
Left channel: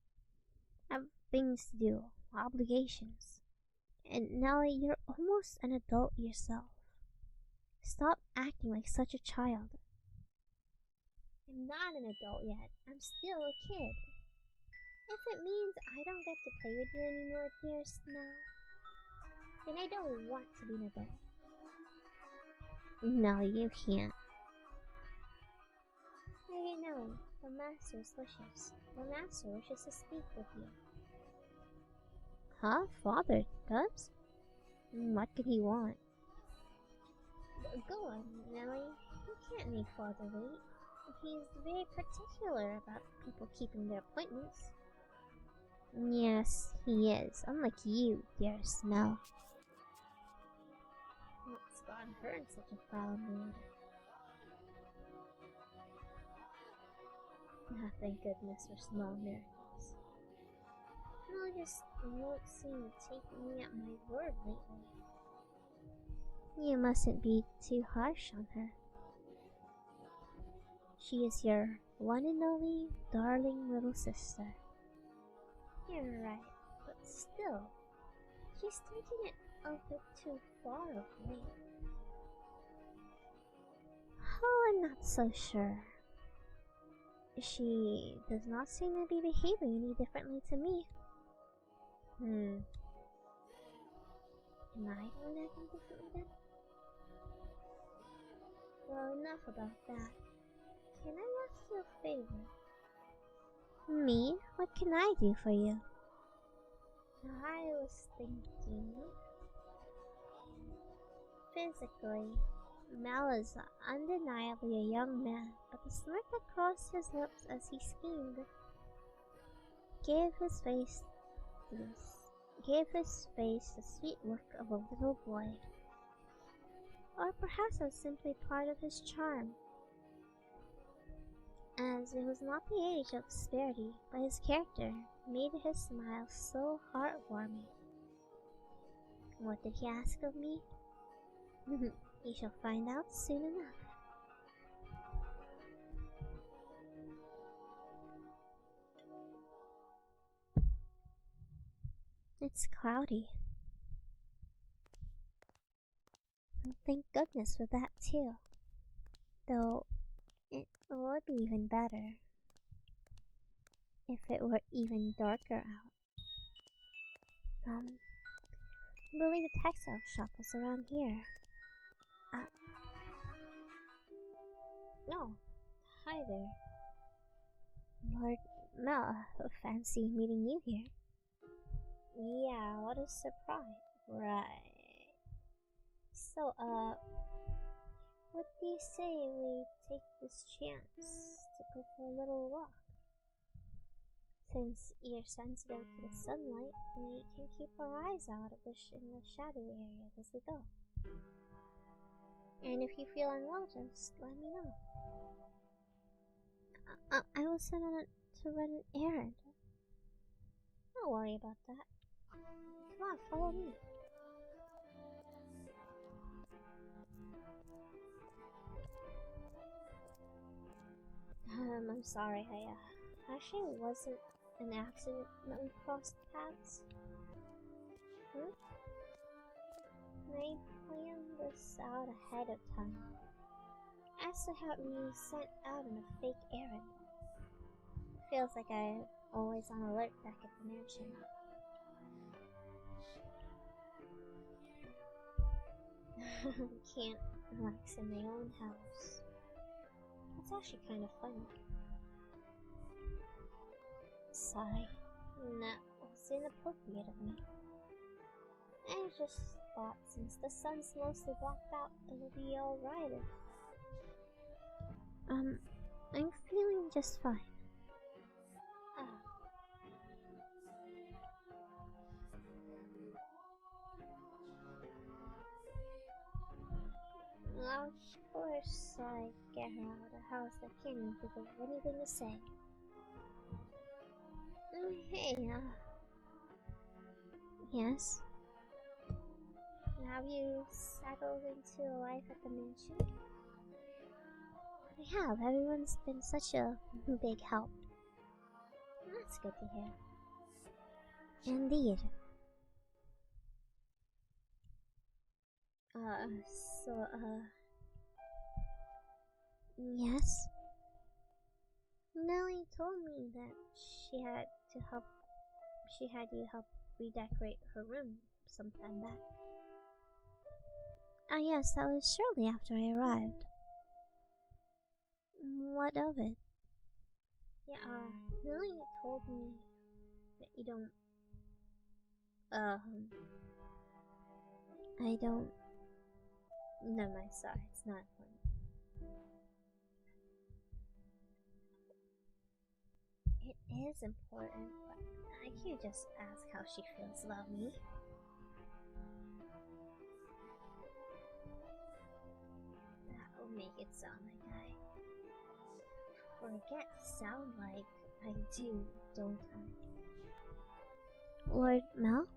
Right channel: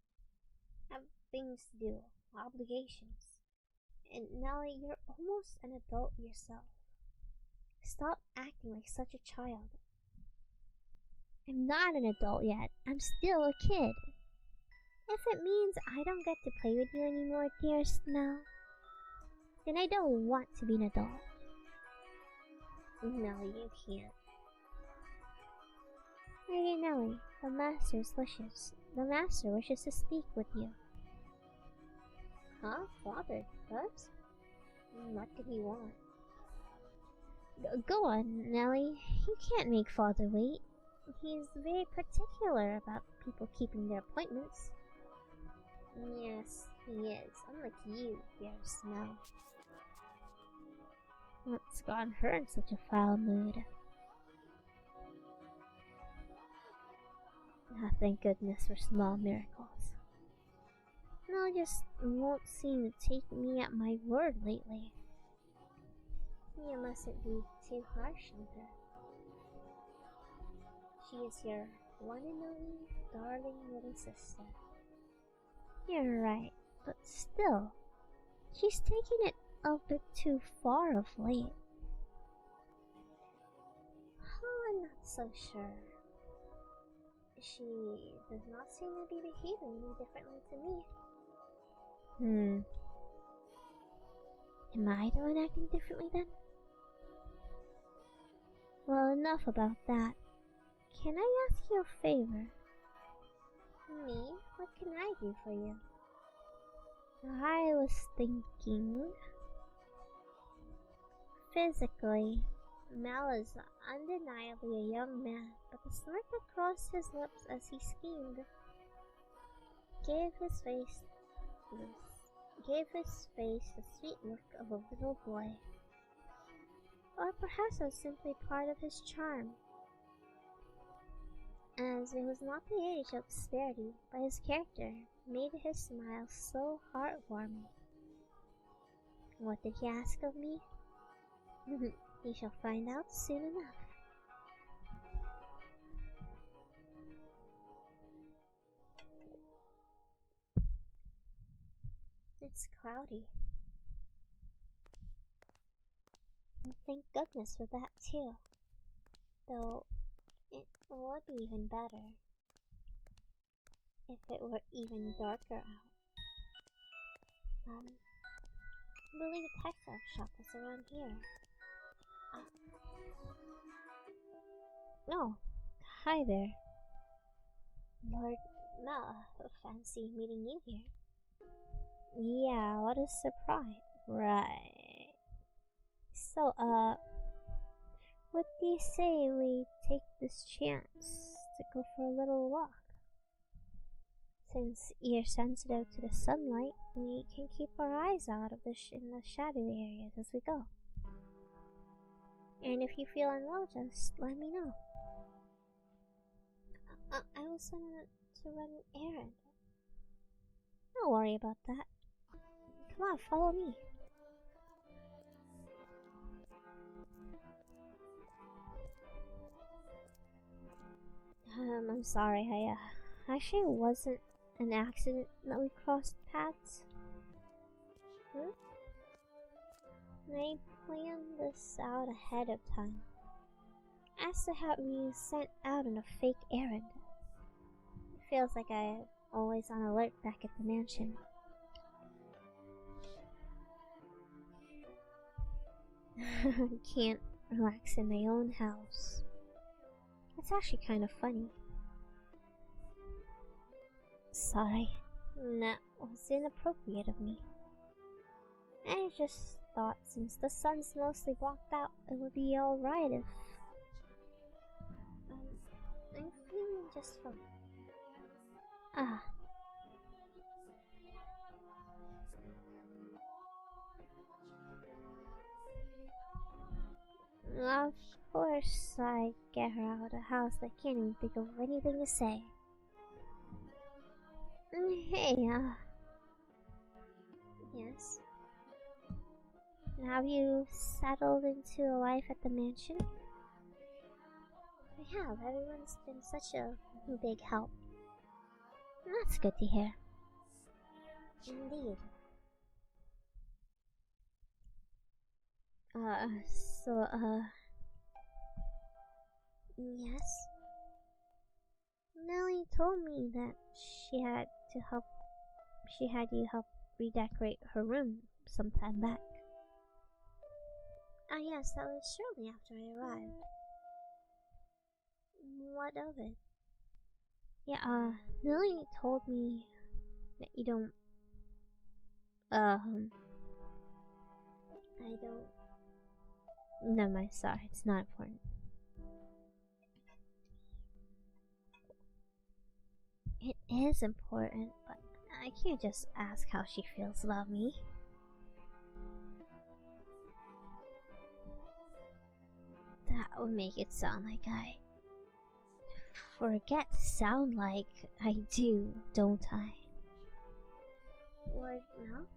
I have things to do, obligations. And Nellie, you're almost an adult yourself. Stop acting like such a child. I'm not an adult yet. I'm still a kid. If it means I don't get to play with you anymore, dearest Mel, then I don't want to be an adult. No, you can't. Lady Nellie, the Master's wishes. The Master wishes to speak with you. Huh? Father does? What could he want? Go on, Nellie. You can't make Father wait. He's very particular about people keeping their appointments. Yes, he is. Unlike you, dearest Mel. What's gotten her in such a foul mood? Thank goodness for small miracles. Mel just won't seem to take me at my word lately. You mustn't be too harsh on her. She is your one and only darling little sister. You're right, but still, she's taken it a bit too far of late. Oh, I'm not so sure. She does not seem to be behaving any differently to me. Am I the one acting differently then? Well, enough about that. Can I ask you a favor? Me? What can I do for you? I was thinking... Physically, Mel is undeniably a young man, but the smirk that crossed his lips as he schemed gave his face this gave his face the sweet look of a little boy. Or perhaps it was simply part of his charm, as it was not the age of disparity, but his character made his smile so heartwarming. What did he ask of me? You shall find out soon enough. It's cloudy. Thank goodness for that too. Though it would be even better if it were even darker out. I believe the textile shop was around here. Oh, hi there. Lord Mel, fancy meeting you here. Yeah, what a surprise. Right. So, what do you say we take this chance to go for a little walk? Since you're sensitive to the sunlight, we can keep our eyes out of in the shadowy areas as we go. And if you feel unwell, just let me know. I was sent on to run an errand. Don't worry about that. Come on, follow me. I'm sorry, actually it wasn't an accident that we crossed paths. I planned this out ahead of time, as to have you sent out on a fake errand. It feels like I'm always on alert back at the mansion. Can't relax in my own house. It's actually kind of funny. Sorry, that was inappropriate of me. I just thought since the sun's mostly blocked out, it would be alright if... I'm feeling just fine. Of course I get her out of the house. I can't even think of anything to say. Hey, yes? Have you settled into a life at the mansion? I have. Everyone's been such a big help. That's good to hear. Indeed. Yes? Nellie told me that she had you help redecorate her room some time back. Ah yes, that was shortly after I arrived. What of it? Yeah, Nellie told me that you don't... I don't... Never mind, sorry, it's not important. It is important, but I can't just ask how she feels about me. That would make it sound like I forget to sound like I do, don't I? Lord Mel?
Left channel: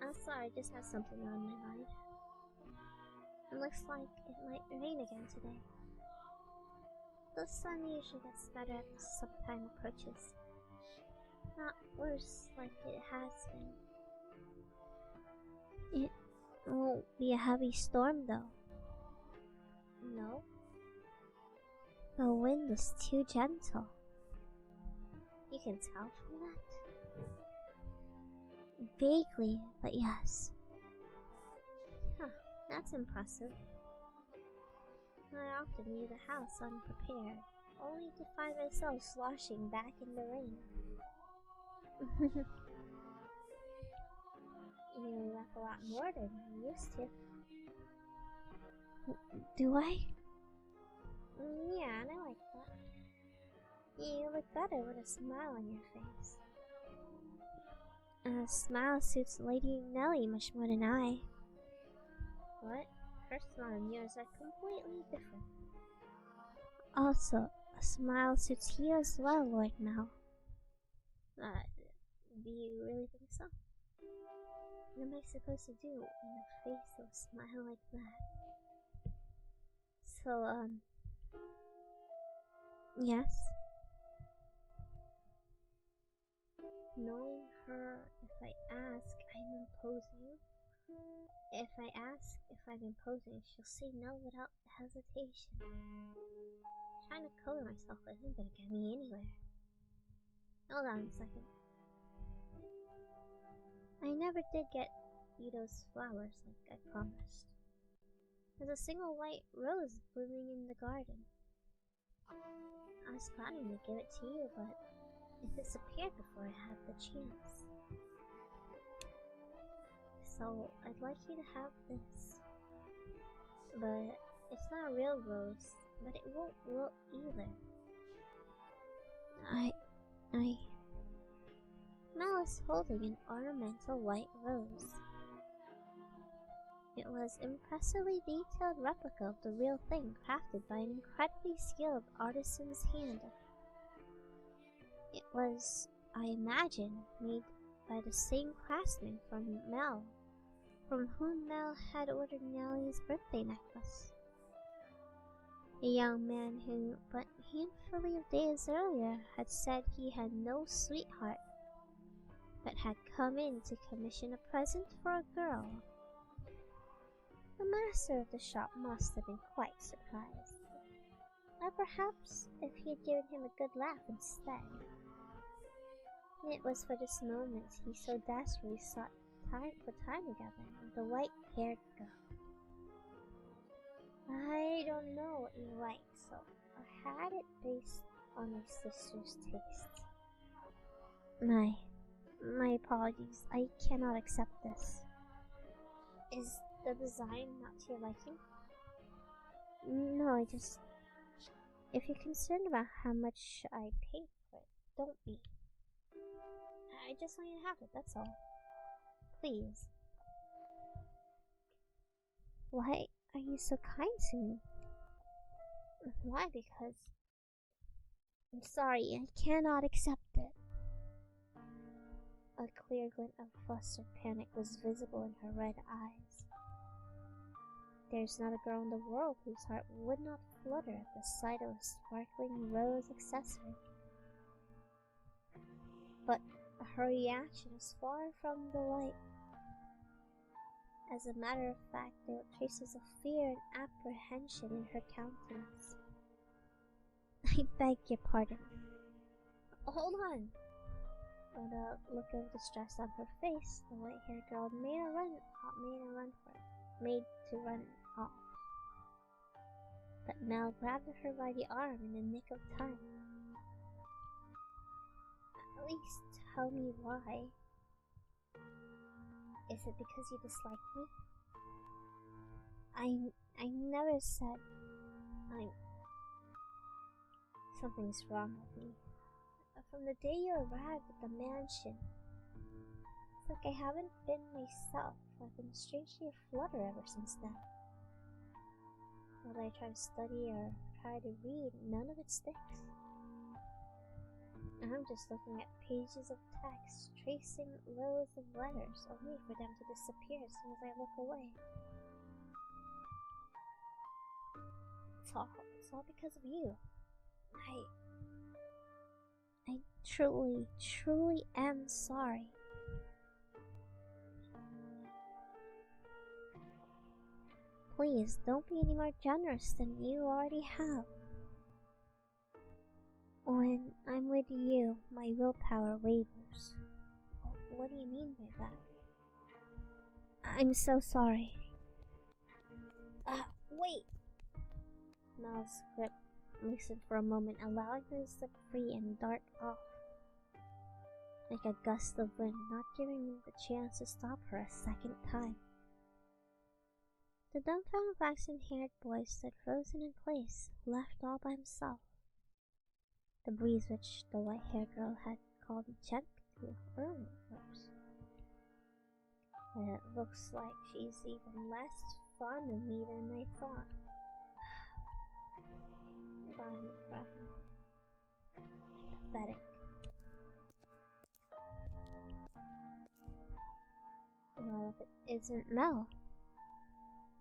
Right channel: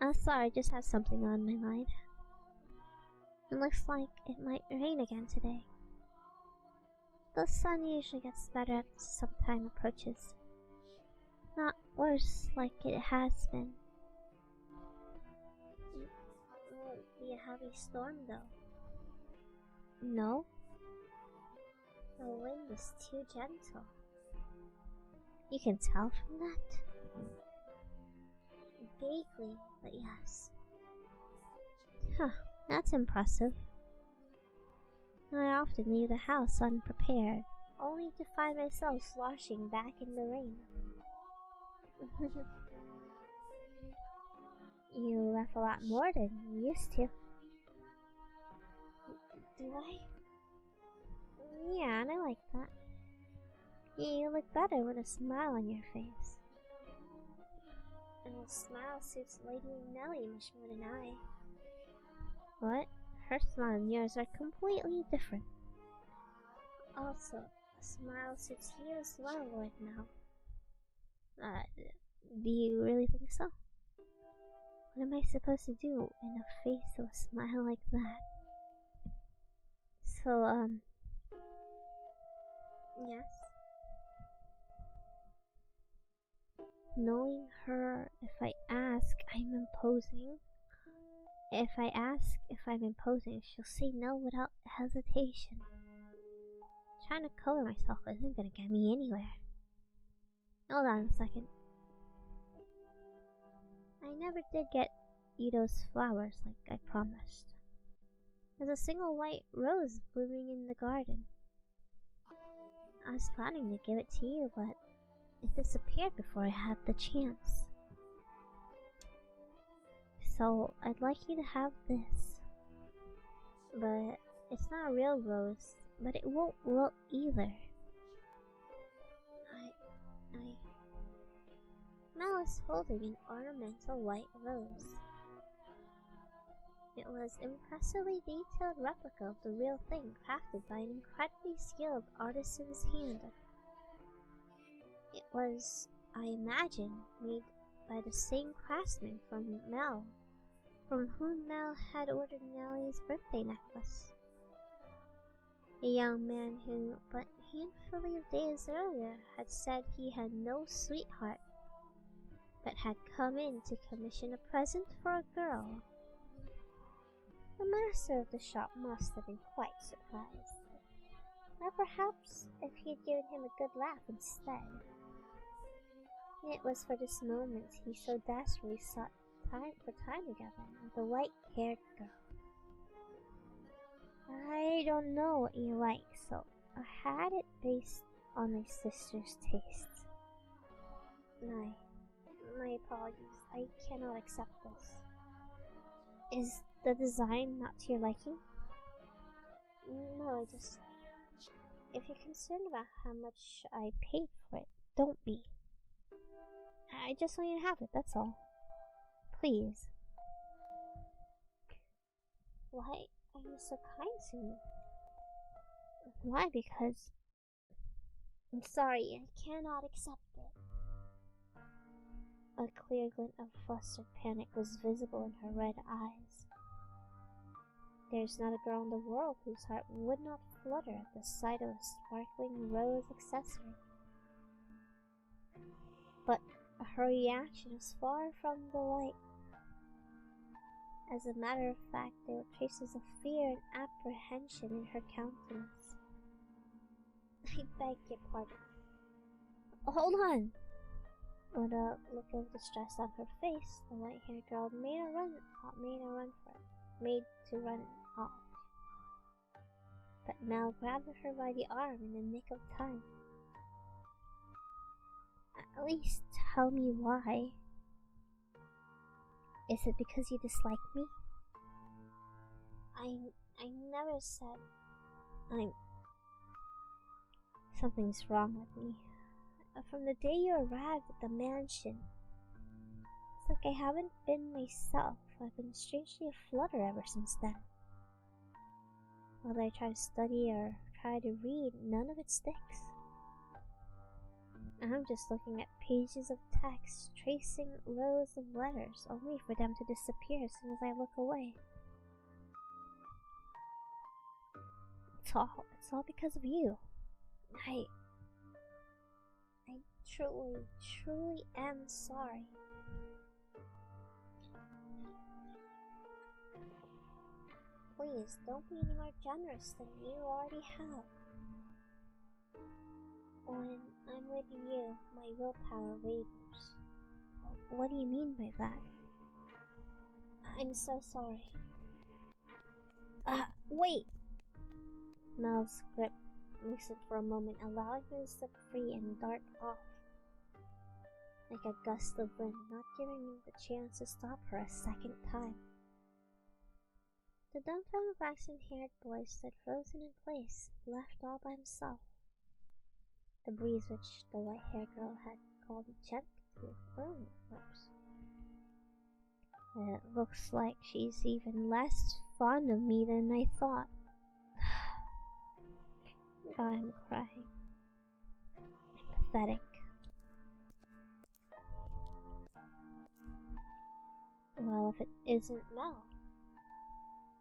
I'm sorry, I just have something on my mind. It looks like it might rain again today. The sun usually gets better as summertime approaches. Not worse like it has been. It won't be a heavy storm though. No? The wind is too gentle. You can tell from that? Vaguely, but yes. Huh, that's impressive. I often leave the house unprepared, only to find myself sloshing back in the rain. You laugh a lot more than you used to. Do I? Yeah, and I like that. You look better with a smile on your face. A smile suits Lady Nellie much more than I. What? Her smile and yours are completely different. Also, a smile suits you as well, Lord Mel. Uh, do you really think so? What am I supposed to do in the face of a smile like that? So, yes? Knowing her, if I ask, I'm imposing. If I ask if I'm imposing, she'll say no without hesitation. Trying to color myself isn't gonna get me anywhere. Hold on a second. I never did get you those flowers like I promised. There's a single white rose blooming in the garden. I was planning to give it to you, but it disappeared before I had the chance. So I'd like you to have this. But it's not a real rose, but it won't wilt either. Mel is holding an ornamental white rose. It was an impressively detailed replica of the real thing, crafted by an incredibly skilled artisan's hand. It was, I imagine, made by the same craftsman from whom Mel had ordered Nellie's birthday necklace. A young man who, but a handful of days earlier, had said he had no sweetheart, but had come in to commission a present for a girl. The master of the shop must have been quite surprised. Or perhaps if he had given him a good laugh instead. It was for this moment he so desperately sought time together with the white-haired girl. I don't know what you like, so I had it based on my sister's tastes. My apologies, I cannot accept this. Is the design not to your liking? No, if you're concerned about how much I paid for it, don't be. I just want you to have it, that's all. Please. Why are you so kind to me? Why? Because I'm sorry, I cannot accept it. A clear glint of flustered panic was visible in her red eyes. There's not a girl in the world whose heart would not flutter at the sight of a sparkling rose accessory. But her reaction was far from delight. As a matter of fact, there were traces of fear and apprehension in her countenance. I beg your pardon. Hold on! With a look of distress on her face, the white-haired girl made to run off. But Mel grabbed her by the arm in the nick of time. At least tell me why. Is it because you dislike me? I never said something's wrong with me. From the day you arrived at the mansion, it's like I haven't been myself. I've been strangely aflutter ever since then. Whether I try to study or try to read, none of it sticks. I'm just looking at pages of text, tracing rows of letters, only for them to disappear as soon as I look away. It's all because of you. I truly am sorry. Please, don't be any more generous than you already have. When I'm with you, my willpower wavers. What do you mean by that? I'm so sorry. Wait! Mel's grip loosened for a moment, allowing her to slip free and dart off. Like a gust of wind, not giving him the chance to stop her a second time. The dumbfounded flaxen-haired boy stood frozen in place, left all by himself. The breeze which the white-haired girl had called gently to earlier rose. It looks like she's even less fond of me than I thought. I'm crying. Pathetic. Well, if it isn't Mel,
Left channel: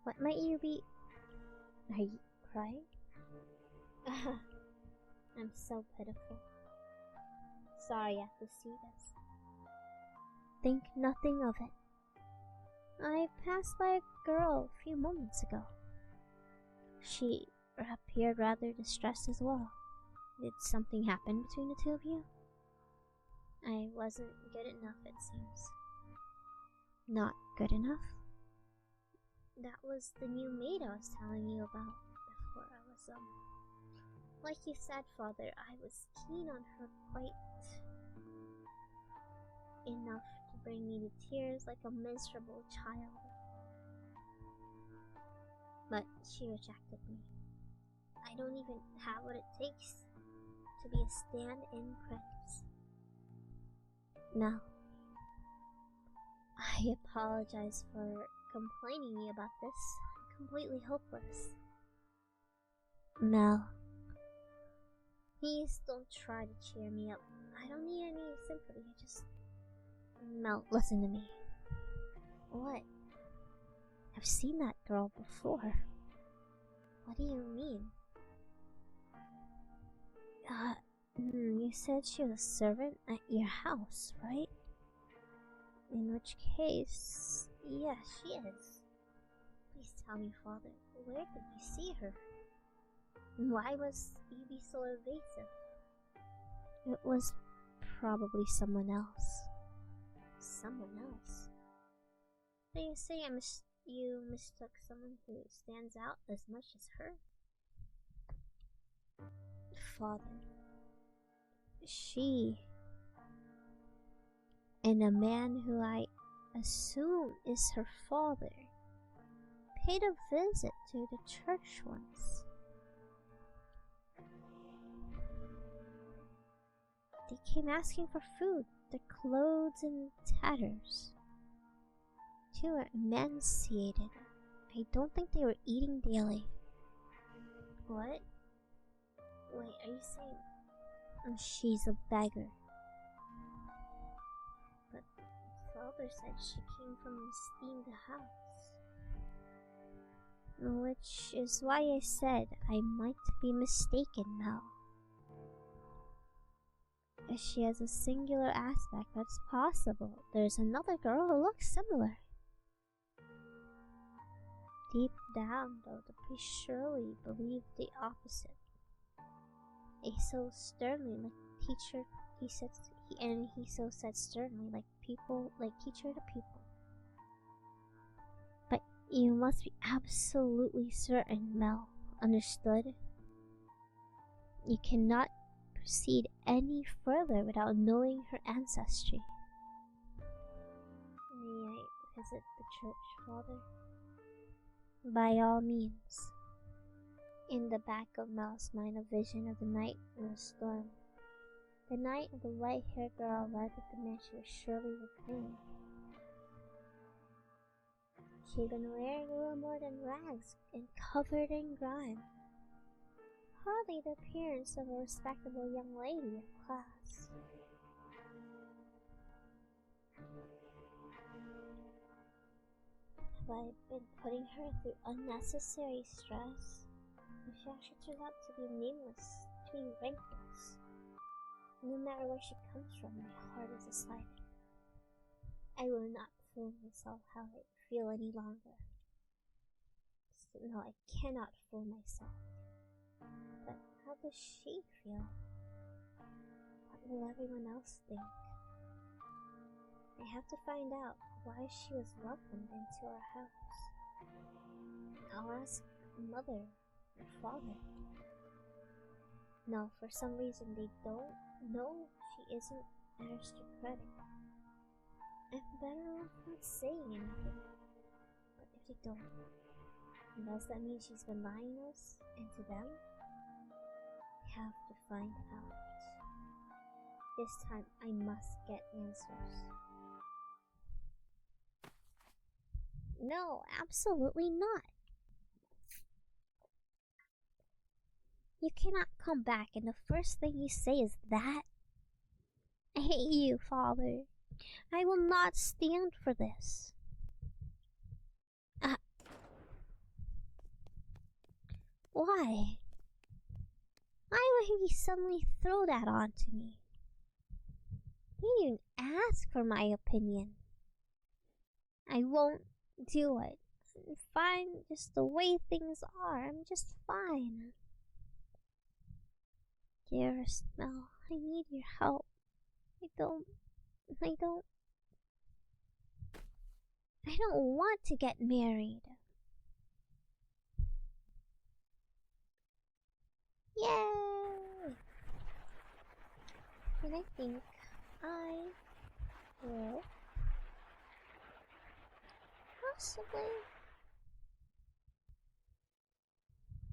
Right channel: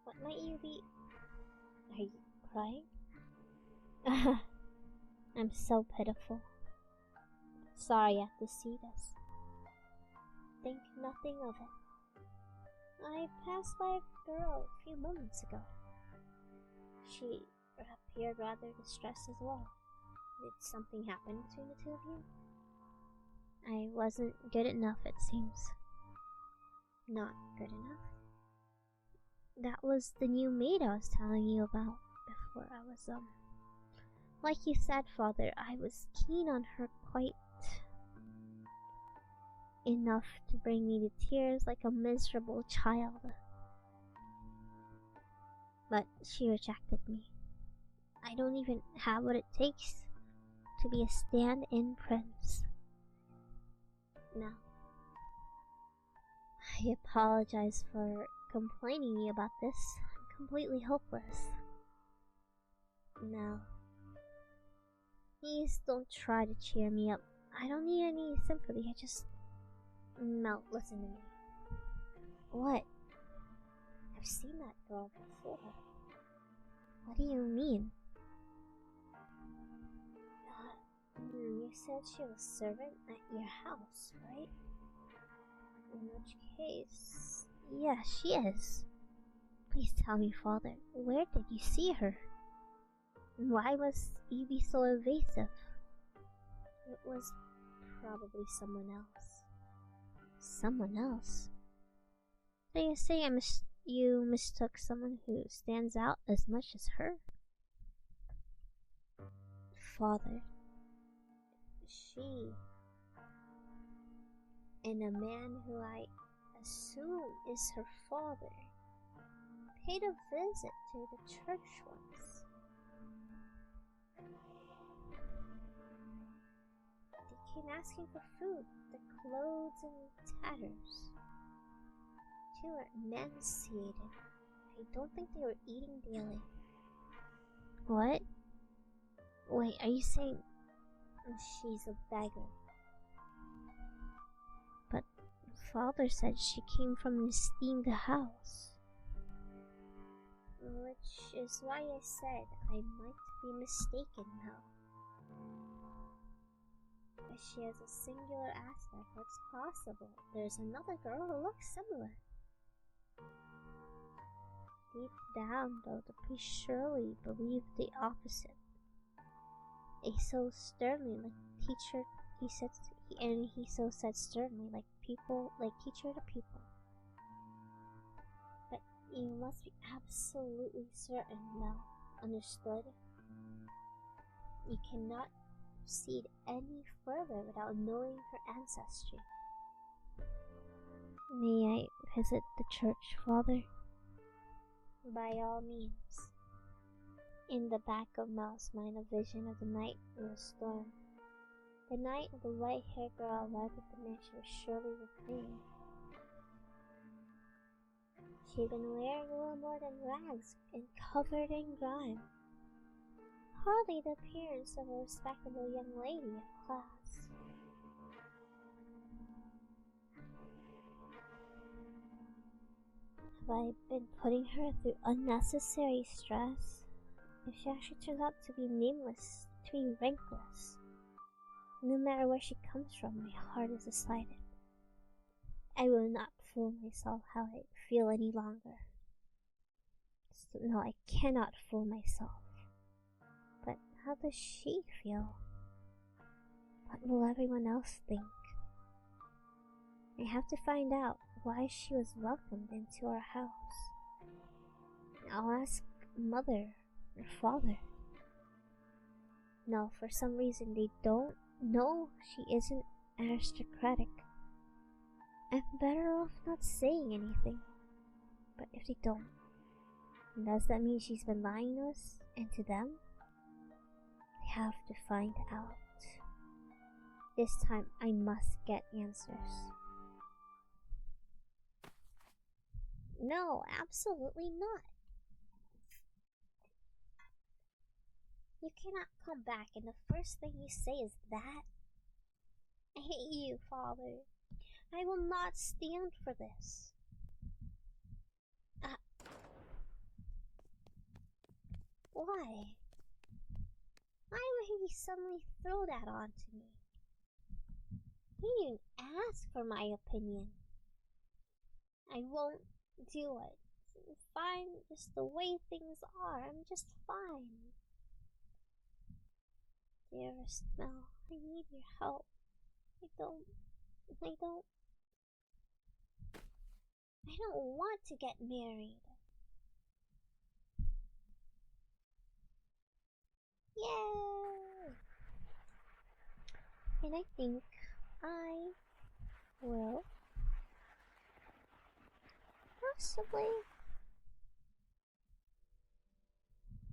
what might you be? Are you crying? I'm so pitiful. Sorry I have to see this. Think nothing of it. I passed by a girl a few moments ago. She appeared rather distressed as well. Did something happen between the two of you? I wasn't good enough, it seems. Not good enough? That was the new maid I was telling you about before. I was, like you said, Father, I was keen on her quite enough to bring me to tears like a miserable child. But she rejected me. I don't even have what it takes to be a stand-in prince. Now, I apologize for complaining to you about this. I'm completely hopeless. Mel, please don't try to cheer me up. I don't need any sympathy. Mel, listen to me. What? I've seen that girl before. What do you mean? You said she was a servant at your house, right? In which case, yeah, she is. Please tell me, Father, where did you see her? And why was you be so evasive? It was probably someone else. Someone else? So you say you mistook someone who stands out as much as her? Father, she and a man who I assume is her father paid a visit to the church once. They came asking for food, their clothes in tatters. Two were emaciated. I don't think they were eating daily. What? Wait, are you saying she's a beggar? But Father said she came from an esteemed house. Which is why I said I might be mistaken, Mel. If she has a singular aspect, that's possible. There's another girl who looks similar. Deep down, though, the priest surely believed the opposite. He so sternly, like teacher, he so said sternly, like teacher to pupil. But you must be absolutely certain, Mel. Understood? You cannot proceed any further without knowing her ancestry. May I visit the church, Father? By all means. In the back of Mel's mind, a vision of the night in the storm. The night of the white-haired girl arrived at the man she was surely reclaiming. She had been wearing little more than rags and covered in grime. Hardly the appearance of a respectable young lady of class. Have I been putting her through unnecessary stress? If she actually turns out to be nameless, to be rankless, no matter where she comes from, my heart is decided. I will not fool myself how I feel any longer. So, no, I cannot fool myself. But how does she feel? What will everyone else think? I have to find out why she was welcomed into our house. I'll ask Mother or Father. No, for some reason they don't know she isn't aristocratic. I'm better off not saying anything. But if they don't, does that mean she's been lying to us and to them? I have to find out. This time I must get answers. No, absolutely not. You cannot come back and the first thing you say is that. I hate you, Father. I will not stand for this. Why? Why would he suddenly throw that onto me? He didn't ask for my opinion. I won't do it. I'm fine just the way things are. I'm just fine. Dearest Mel, I need your help. I don't want to get married. Yay! And I think I will possibly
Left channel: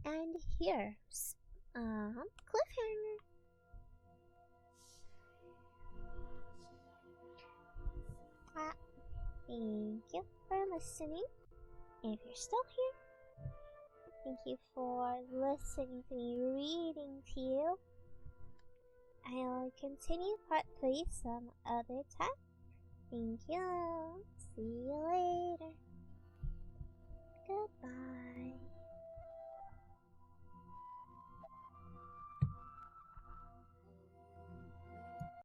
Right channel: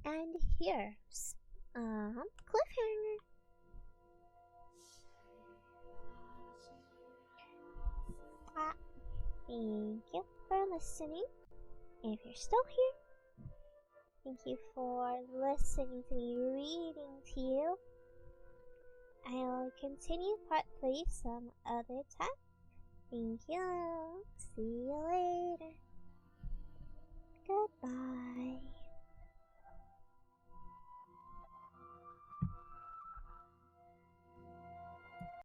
end here. Cliffhanger. Thank you for listening. And if you're still here, thank you for listening to me reading to you. I'll continue part 3 some other time. Thank you. See you later. Goodbye.